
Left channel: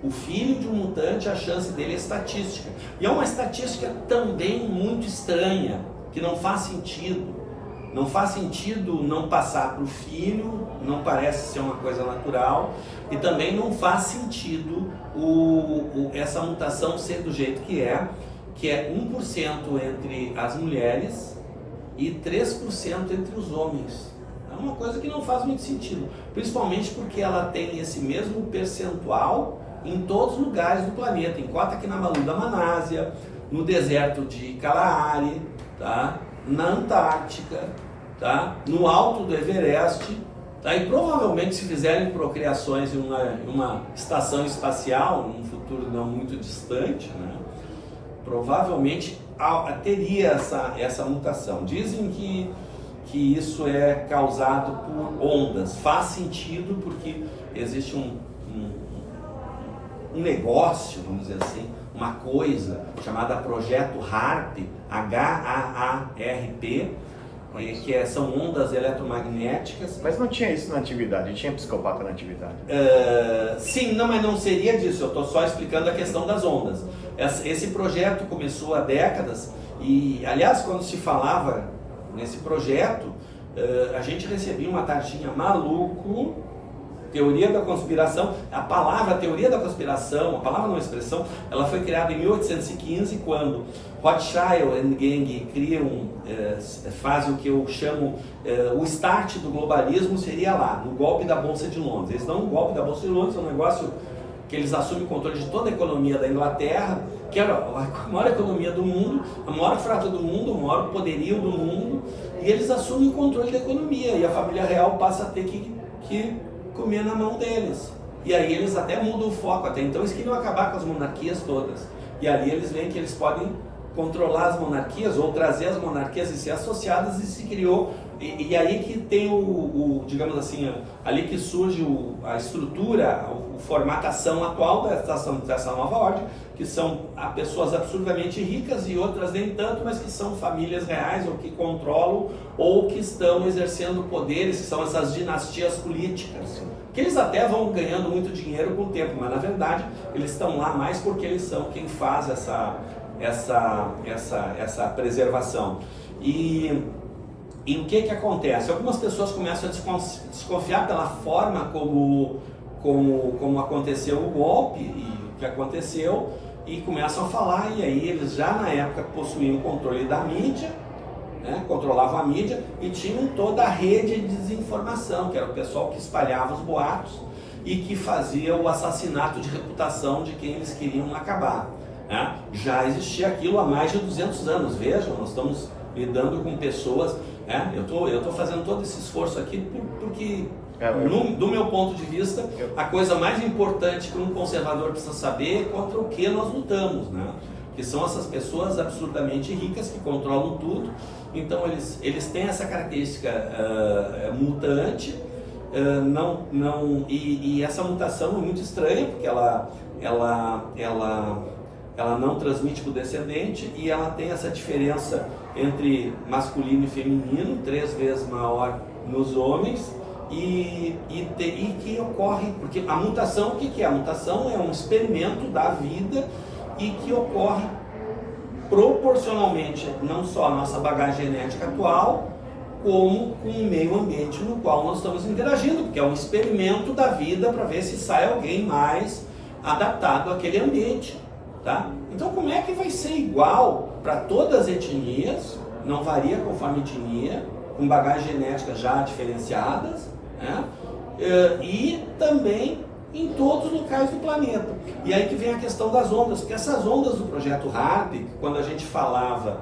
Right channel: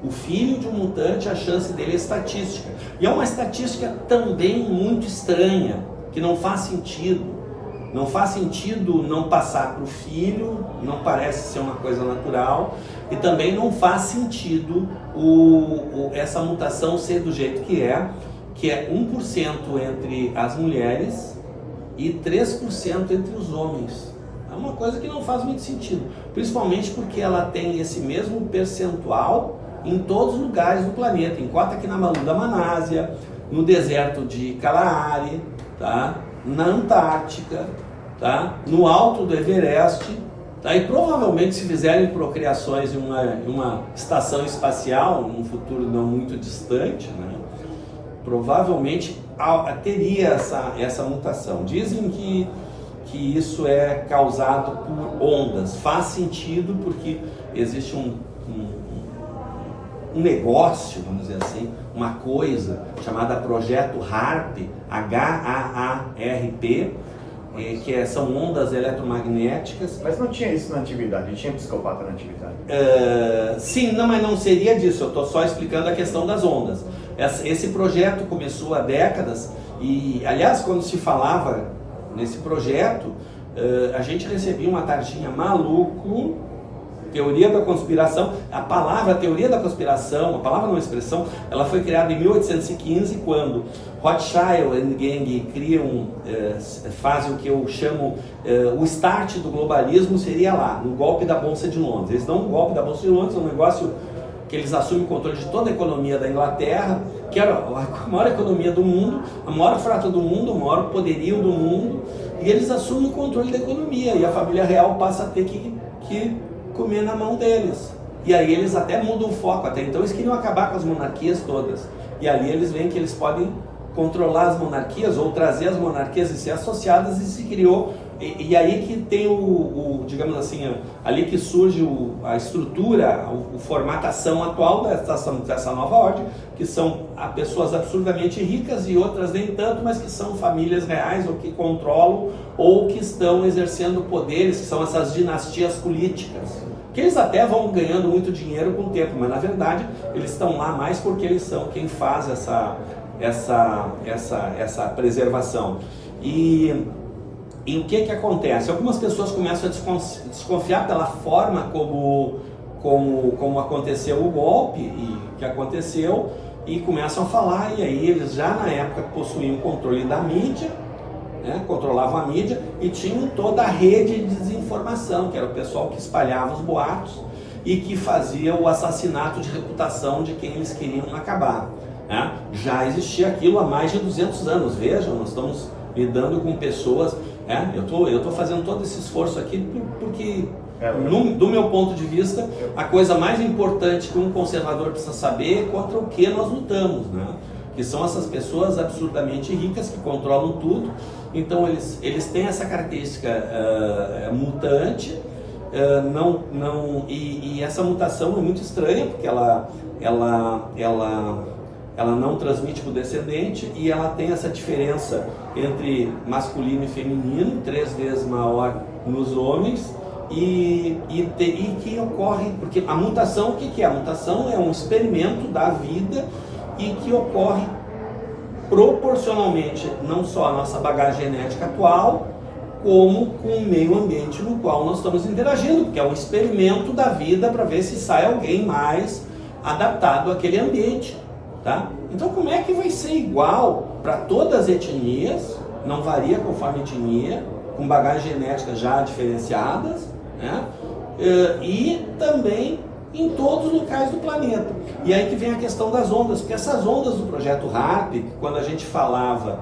O filho de um mutante, a chance dele é estatística. E é uma estatística também muito estranha, que não faz sentido. Não faz sentido não passar para o filho, não parece ser uma coisa natural, e também não faz sentido essa mutação ser do jeito que é 1% entre as mulheres e 3% entre os homens. É uma coisa que não faz muito sentido, principalmente porque ela tem esse mesmo percentual em todos os lugares do planeta, enquanto aqui na Malu da Manásia, no deserto de Kalahari, tá? Na Antártica, tá? No alto do Everest, tá? E provavelmente se fizerem procriações em uma estação espacial, num futuro não muito distante, né? Provavelmente teria essa mutação. Dizem que isso é causado por ondas. Faz sentido porque existe um negócio, vamos dizer assim, uma coisa chamada Projeto HAARP, HAARP, que são ondas eletromagnéticas. Mas não tinha isso na atividade, tinha psicopata na atividade. Sim, não, mas não seria disso, eu estou só explicando a questão das ondas. Esse projeto começou há décadas e, aliás, quando se falava nesse projeto, a gente recebia uma tarjinha maluco, teoria da conspiração. A palavra teoria da conspiração, a palavra não expressão, ela foi criada em 1815, quando Rothschild and Gang fazem o que eu chamo o start do globalismo, seria lá, no golpe da Bolsa de Londres. Eles dão um golpe da Bolsa de Londres, um negócio que eles assumem o controle de toda a economia da Inglaterra, que era a maior economia do mundo, a maior frota do mundo, o maior poderio do mundo, e eles assumem o controle da economia, e a família real passa a ter que comer na mão deles. E aí eles até mudam o foco. Até então eles queriam acabar com as monarquias todas. E ali eles veem que eles podem controlar as monarquias ou trazer as monarquias e ser associadas, e se criou. E aí que tem digamos assim, ali que surge a estrutura, a formatação atual dessa nova ordem, que são pessoas absurdamente ricas e outras nem tanto, mas que são famílias reais, ou que controlam, ou que estão exercendo poderes, que são essas dinastias políticas, que eles até vão ganhando muito dinheiro com o tempo, mas na verdade eles estão lá mais porque eles são quem faz essa preservação. E o que acontece? Algumas pessoas começam a desconfiar pela forma como aconteceu o golpe e que aconteceu, e começam a falar, e aí eles já na época possuíam o controle da mídia, né, controlavam a mídia e tinham toda a rede de desinformação, que era o pessoal que espalhava os boatos e que fazia o assassinato de reputação de quem eles queriam acabar, né? Já existia aquilo há mais de 200 anos, vejam, nós estamos lidando com pessoas, né? Eu tô fazendo todo esse esforço aqui porque, do meu ponto de vista, a coisa mais importante que um conservador precisa saber é contra o que nós lutamos, né? Que são essas pessoas absurdamente ricas que controlam tudo. Então eles têm essa característica mutante, e essa mutação é muito estranha, porque ela não transmite para o descendente, e ela tem essa diferença entre masculino e feminino, 3 vezes maior nos homens, e que ocorre, porque a mutação, o que é? A mutação é um experimento da vida e que ocorre proporcionalmente não só à nossa bagagem genética atual, como com o meio ambiente no qual nós estamos interagindo, porque é um experimento da vida para ver se sai alguém mais adaptado àquele ambiente, tá? Então como é que vai ser igual para todas as etnias, não varia conforme etnia, com bagagem genética já diferenciadas, né? E também em todos os locais do planeta. E aí que vem a questão das ondas, porque essas ondas do projeto HARP, quando a gente falava,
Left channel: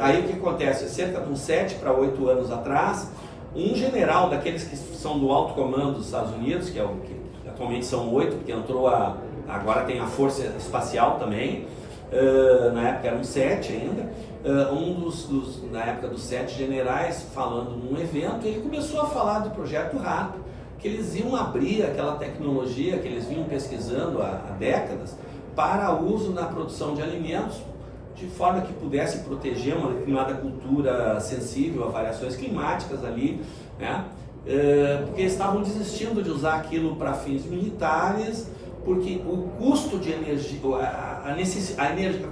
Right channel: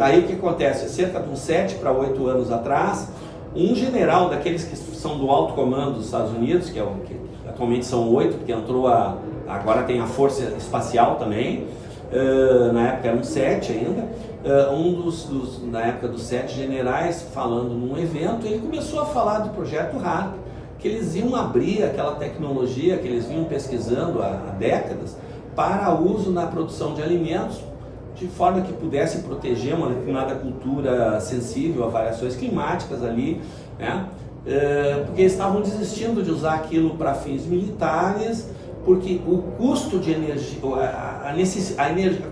aí o que acontece? Cerca de uns 7 para 8 anos atrás, um general daqueles que são do alto comando dos Estados Unidos, que atualmente são 8, porque agora tem a Força Espacial também, na época eram 7 ainda, na época dos 7 generais, falando num evento, ele começou a falar do projeto HARP, que eles iam abrir aquela tecnologia que eles vinham pesquisando há décadas para uso na produção de alimentos, de forma que pudesse proteger uma determinada cultura sensível a variações climáticas ali, né? Porque eles estavam desistindo de usar aquilo para fins militares, porque o custo de energia, a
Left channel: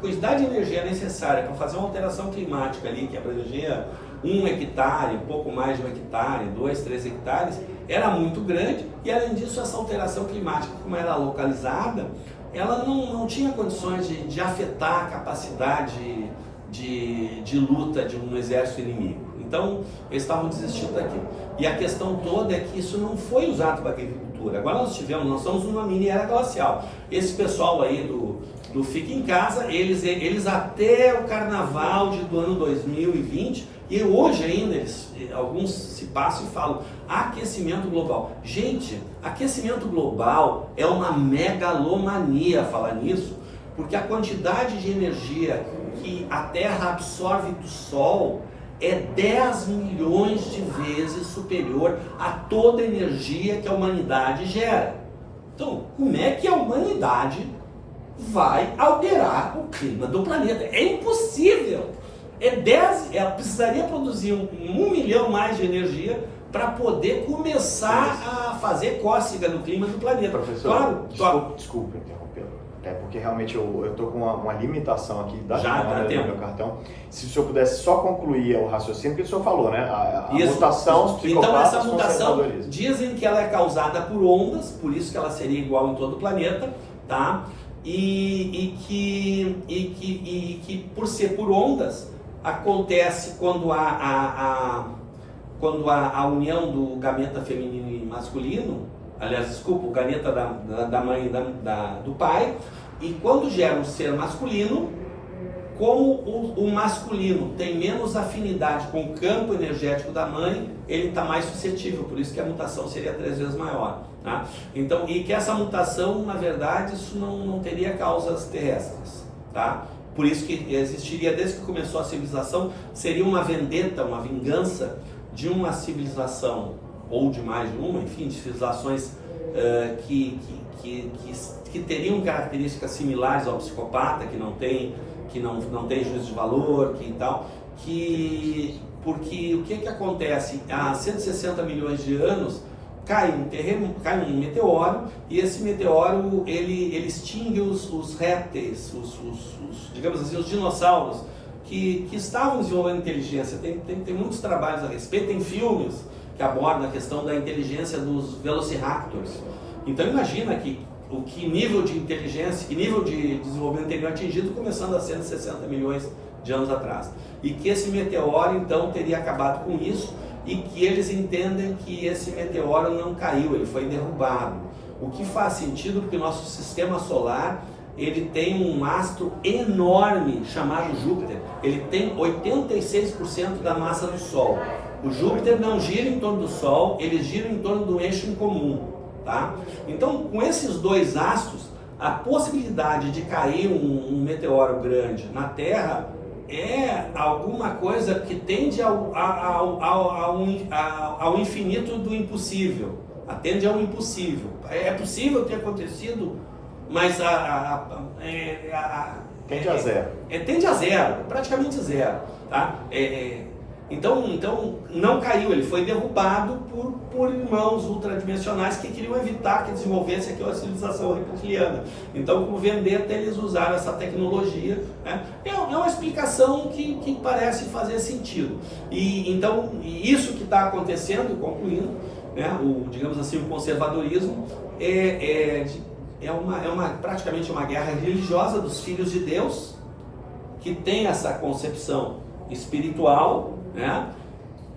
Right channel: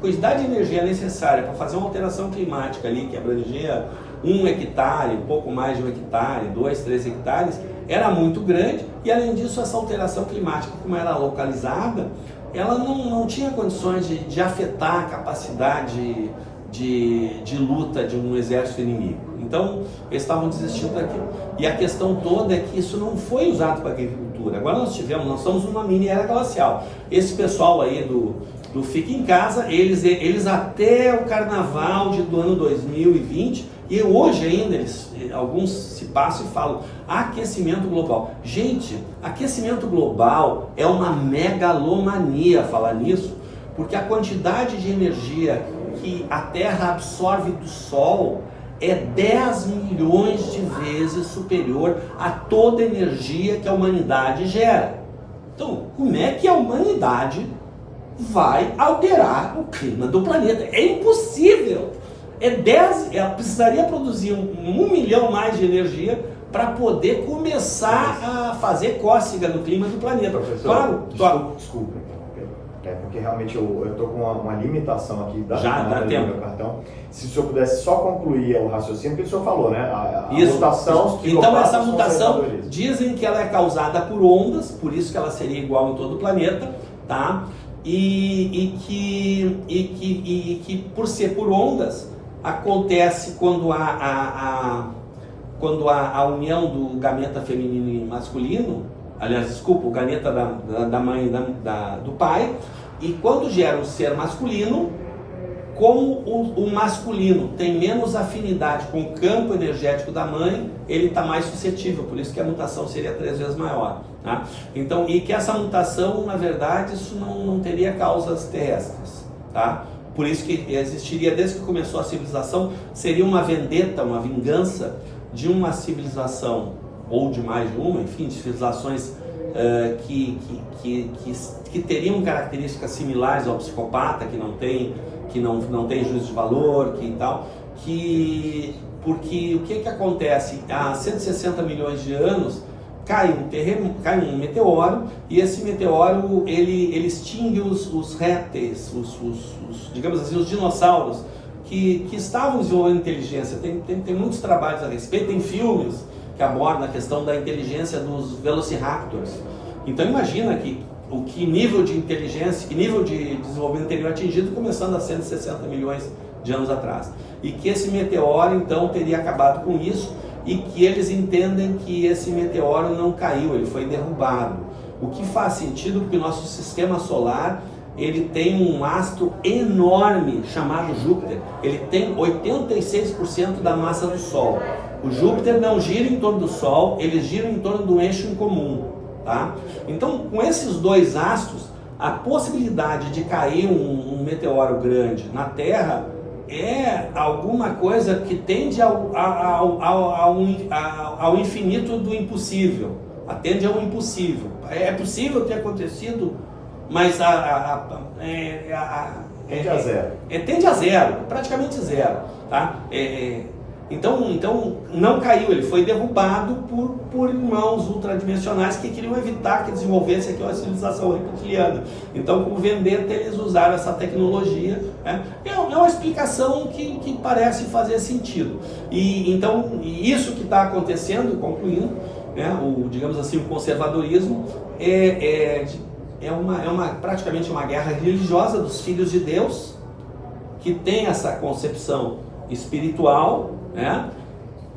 quantidade de energia necessária para fazer uma alteração climática ali, que abrangia 1 hectare, pouco mais de 1 hectare, 2, 3 hectares, era muito grande, e além disso essa alteração climática, como era localizada, ela não tinha condições de afetar a capacidade de luta de um exército inimigo. Então eles estavam desistindo daquilo. E a questão toda é que isso não foi usado para agricultura. Agora nós estamos numa mini era glacial. Esse pessoal aí do Fica em Casa, eles até o carnaval do ano 2020, e hoje ainda alguns se passam e falam aquecimento global. Gente, aquecimento global é uma megalomania falar nisso, porque a quantidade de energia que a Terra absorve do Sol é 10 milhões de vezes superior a toda a energia que a humanidade gera. Então, como é que a humanidade vai alterar o clima do planeta? É impossível! Ela precisaria produzir 1 milhão mais de energia para poder começar a fazer cócega no clima do planeta. Professor, claro, desculpa. Porque realmente eu estou com uma limitação aqui da meu cartão. Se o senhor pudesse só concluir o raciocínio, porque o senhor falou, né? A mutação. Então essa mutação, dizem que ela é causada por ondas, por isso que ela seria igual em todo o planeta, tá? E que por ser por ondas, acontece quando a união do gameta feminino e masculino, aliás, desculpa, o gameta da mãe e do pai, e quando gera um ser masculino, como o masculino tem menos afinidade com o campo energético da mãe, ele está mais suscetível, por isso que a mutação seria 3 vezes maior, tá? Então, e que essa mutação, na verdade, isso não teria causas terrestres, tá? Por isso que existiria, desde que começou a civilização, seria uma vendetta, uma vingança de uma civilização, ou de mais de uma, enfim, de civilizações que teriam características similares ao psicopata, que não tem juízo de valor, porque o que acontece? Há 160 milhões de anos cai um meteoro, e esse meteoro ele extingue os répteis, digamos assim, os dinossauros que estavam desenvolvendo inteligência. Tem muitos trabalhos a respeito, tem filmes que abordam a questão da inteligência dos velociraptors. Então imagina que nível de inteligência, que nível de desenvolvimento teriam atingido começando há 160 milhões de anos atrás. E que esse meteoro, então, teria acabado com isso, e que eles entendem que esse meteoro não caiu, ele foi derrubado. O que faz sentido porque o nosso sistema solar, ele tem um astro enorme chamado Júpiter. Ele tem 86% da massa do Sol. O Júpiter não gira em torno do Sol, ele gira em torno do eixo em comum, tá? Então, com esses dois astros, a possibilidade de cair um meteoro grande na Terra é alguma coisa que tende ao infinito do impossível, atende ao impossível. É possível ter acontecido, mas tende a zero. Tende a zero, praticamente zero, tá? Então não caiu, ele foi derrubado por irmãos ultradimensionais que queriam evitar que desenvolvesse aqui uma civilização reptiliana. Então, como vendetta, eles usaram essa tecnologia, né? É uma explicação que parece fazer sentido. Então, isso que está acontecendo, concluindo, né, digamos assim, o conservadorismo praticamente uma guerra religiosa dos filhos de Deus, que tem essa concepção espiritual, né,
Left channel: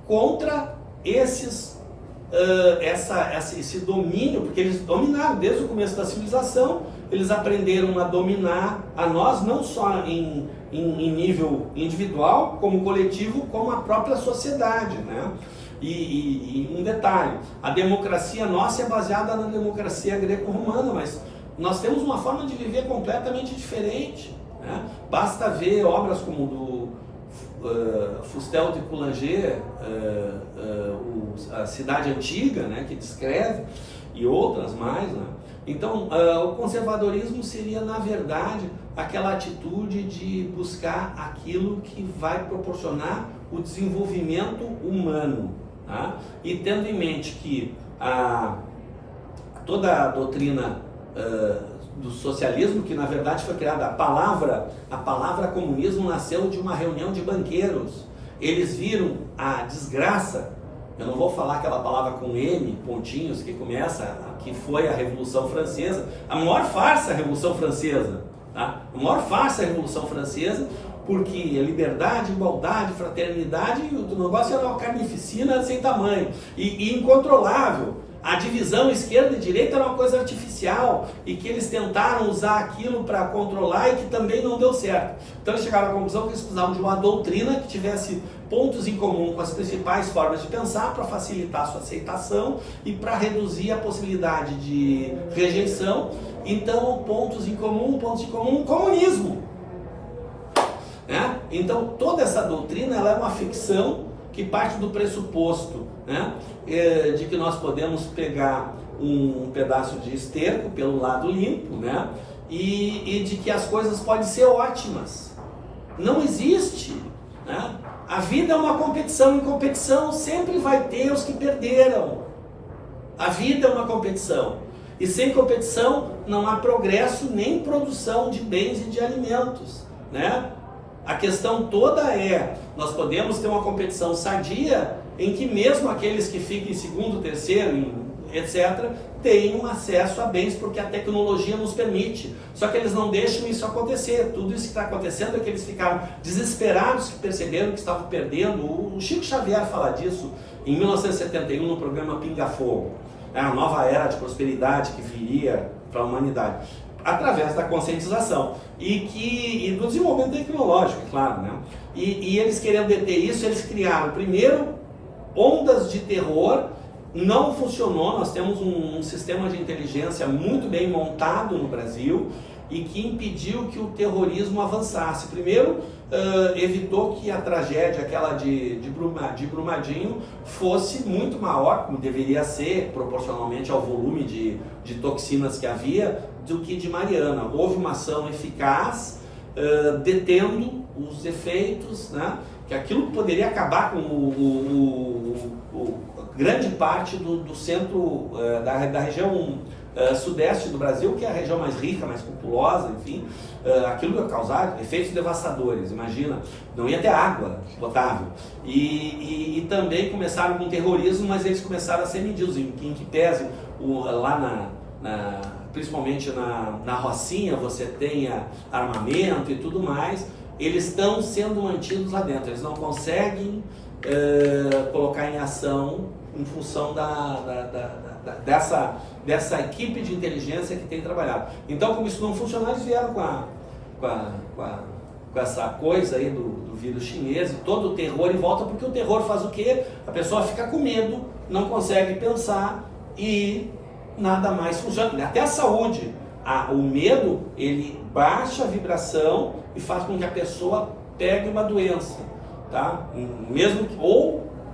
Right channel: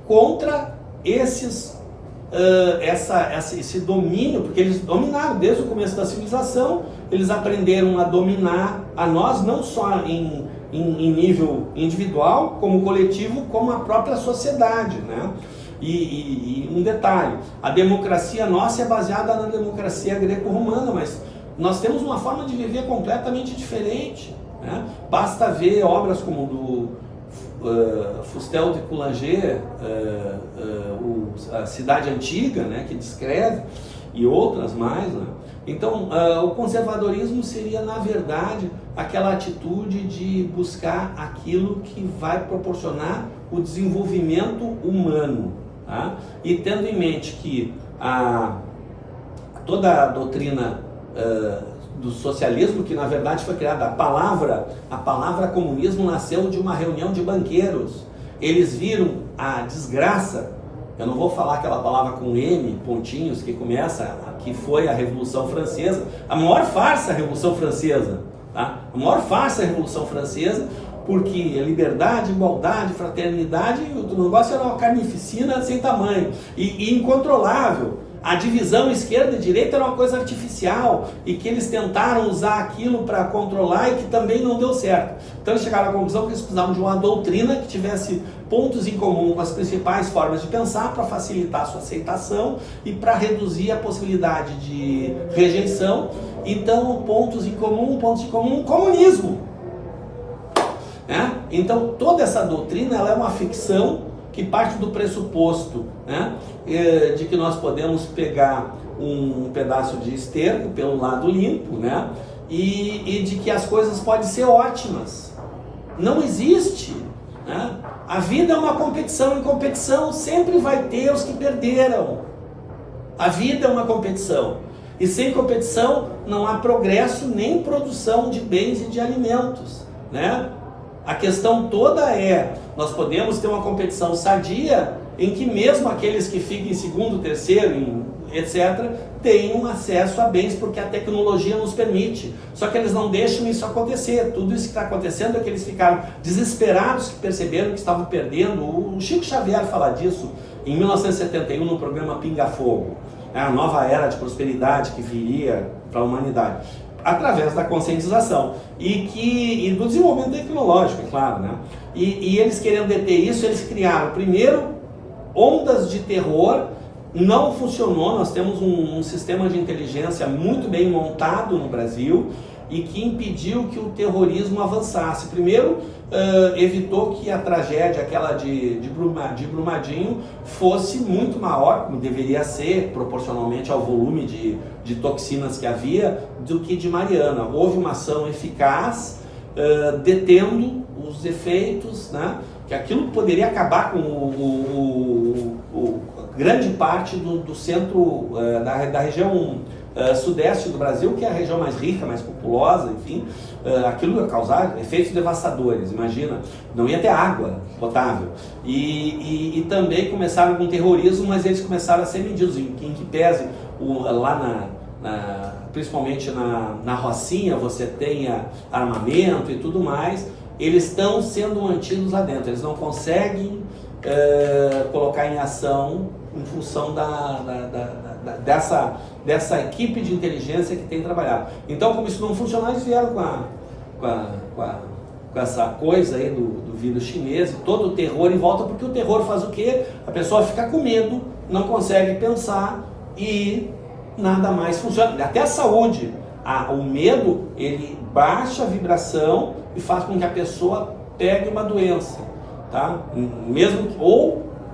contra esse domínio, porque eles dominaram desde o começo da civilização, eles aprenderam a dominar a nós, não só em nível individual, como coletivo, como a própria sociedade, né? E um detalhe, a democracia nossa é baseada na democracia greco-romana, mas nós temos uma forma de viver completamente diferente, né? Basta ver obras como do Fustel de Coulanges, a Cidade Antiga, né, que descreve, e outras mais, né? Então, o conservadorismo seria, na verdade, aquela atitude de buscar aquilo que vai proporcionar o desenvolvimento humano, tá? E tendo em mente que toda a doutrina do socialismo, que na verdade foi criada, a palavra comunismo nasceu de uma reunião de banqueiros. Eles viram a desgraça, eu não vou falar aquela palavra com M, pontinhos, que começa, que foi a Revolução Francesa, a maior farsa a Revolução Francesa, tá? A maior farsa a Revolução Francesa, porque a liberdade, igualdade, fraternidade, o negócio era uma carnificina sem tamanho, e incontrolável. A divisão esquerda e direita era uma coisa artificial e que eles tentaram usar aquilo para controlar e que também não deu certo. Então eles chegaram à conclusão que eles precisavam de uma doutrina que tivesse pontos em comum com as principais formas de pensar para facilitar a sua aceitação e para reduzir a possibilidade de rejeição. Então, pontos em comum, comunismo. Né? Então, toda essa doutrina ela é uma ficção que parte do pressuposto, né, de que nós podemos pegar um pedaço de esterco pelo lado limpo, né, e de que as coisas podem ser ótimas. Não existe, né? A vida é uma competição, e competição sempre vai ter os que perderam. A vida é uma competição, e sem competição não há progresso nem produção de bens e de alimentos, né? A questão toda nós podemos ter uma competição sadia em que mesmo aqueles que ficam em segundo, terceiro, etc., tenham acesso a bens, porque a tecnologia nos permite. Só que eles não deixam isso acontecer. Tudo isso que está acontecendo é que eles ficaram desesperados, que perceberam que estavam perdendo. O Chico Xavier fala disso em 1971 no programa Pinga Fogo. A nova era de prosperidade que viria para a humanidade, através da conscientização e do desenvolvimento tecnológico, é claro, né? E eles querendo deter isso, eles criaram primeiro ondas de terror. Não funcionou. Nós temos um sistema de inteligência muito bem montado no Brasil e que impediu que o terrorismo avançasse. Primeiro, evitou que a tragédia, aquela de Brumadinho, fosse muito maior, como deveria ser, proporcionalmente ao volume de toxinas que havia, do que de Mariana. Houve uma ação eficaz, detendo os efeitos, né? Que aquilo poderia acabar com grande parte do centro da região sudeste do Brasil, que é a região mais rica, mais populosa, enfim. Aquilo ia causar efeitos devastadores, imagina, não ia ter água potável. E também começaram com terrorismo, mas eles começaram a ser medidos, em que pese lá principalmente na Rocinha você tenha armamento e tudo mais. eles estão sendo mantidos lá dentro, eles não conseguem colocar em ação em função dessa equipe de inteligência que tem trabalhado. Então, como isso não funciona, eles vieram com essa coisa aí do vírus chinês e todo o terror em volta, porque o terror faz o quê? A pessoa fica com medo, não consegue pensar e nada mais funciona. Até a saúde, o medo, ele baixa a vibração e faz com que a pessoa pegue uma doença, tá?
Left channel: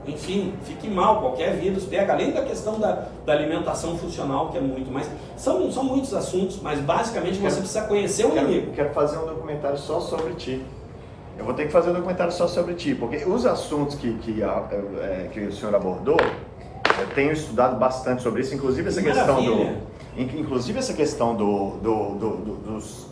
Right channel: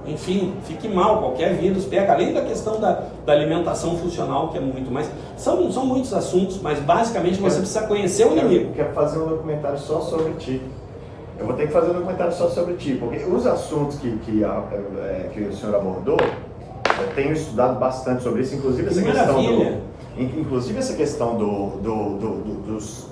Enfim, fique mal, qualquer vírus pega, além da questão da alimentação funcional, que é muito, mas são muitos assuntos, mas basicamente você precisa conhecer o inimigo. Eu quero fazer um documentário só sobre ti. Eu vou ter que fazer um documentário só sobre ti, porque os assuntos que o senhor abordou, eu tenho estudado bastante sobre isso, inclusive essa questão dos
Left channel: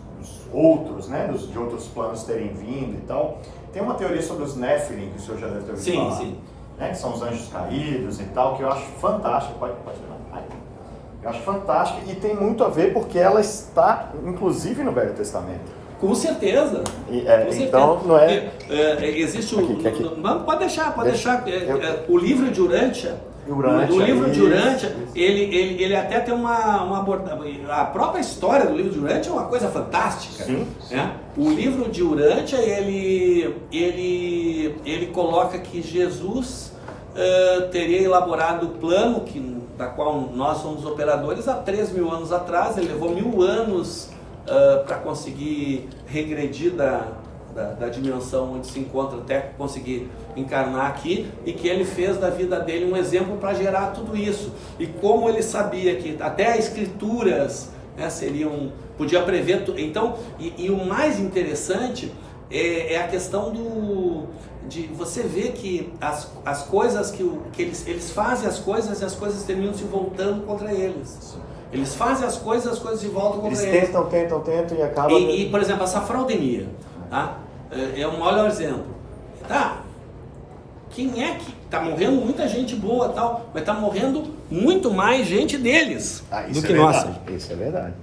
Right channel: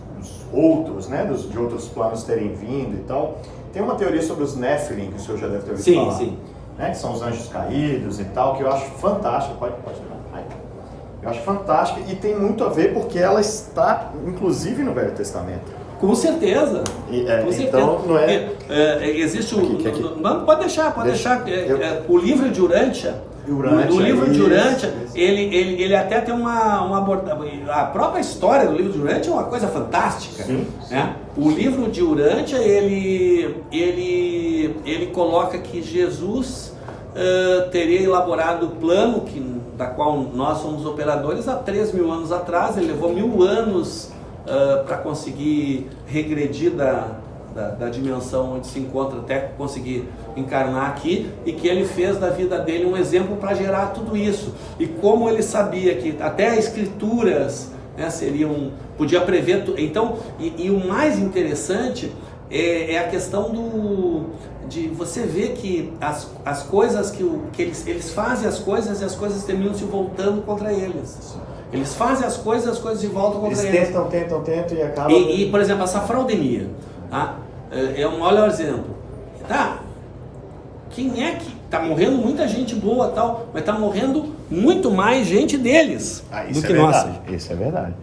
outros, né, de outros planos terem vindo e tal. Tem uma teoria sobre os Nephilim, que o senhor já deve ter ouvido falar. Sim. Né, que são os anjos caídos e tal, que eu acho fantástica. Pode levar. Eu acho fantástica e tem muito a ver porque ela está, inclusive, no Velho Testamento. Com certeza. Com certeza. Então, não é... existe aqui. Não, pode deixar. O livro de Urântia, do livro de Urântia, ele até tem uma abordagem. A própria história do livro de Urântia é uma coisa fantástica. Sim. Né? O livro de Urântia, ele coloca que Jesus teria elaborado o plano da qual nós somos operadores há 3.000 anos atrás. Ele levou 1.000 anos para conseguir regredir da dimensão onde se encontra até conseguir encarnar aqui, e que ele fez da vida dele um exemplo para gerar tudo isso. E como ele sabia que até as escrituras, né, podia prever então, e o mais interessante é a questão de você ver que as coisas que eles fazem as coisas e as coisas terminam se voltando contra eles. Eles fazem as coisas se voltam contra eles. Eles tentam e acabam... E, por exemplo, essa fraudemia, tá? Olha o exemplo. Tá? Quem é que... Tá morrendo muita gente boa tal, mas tá morrendo muito mais gente deles do que nós. Isso é verdade.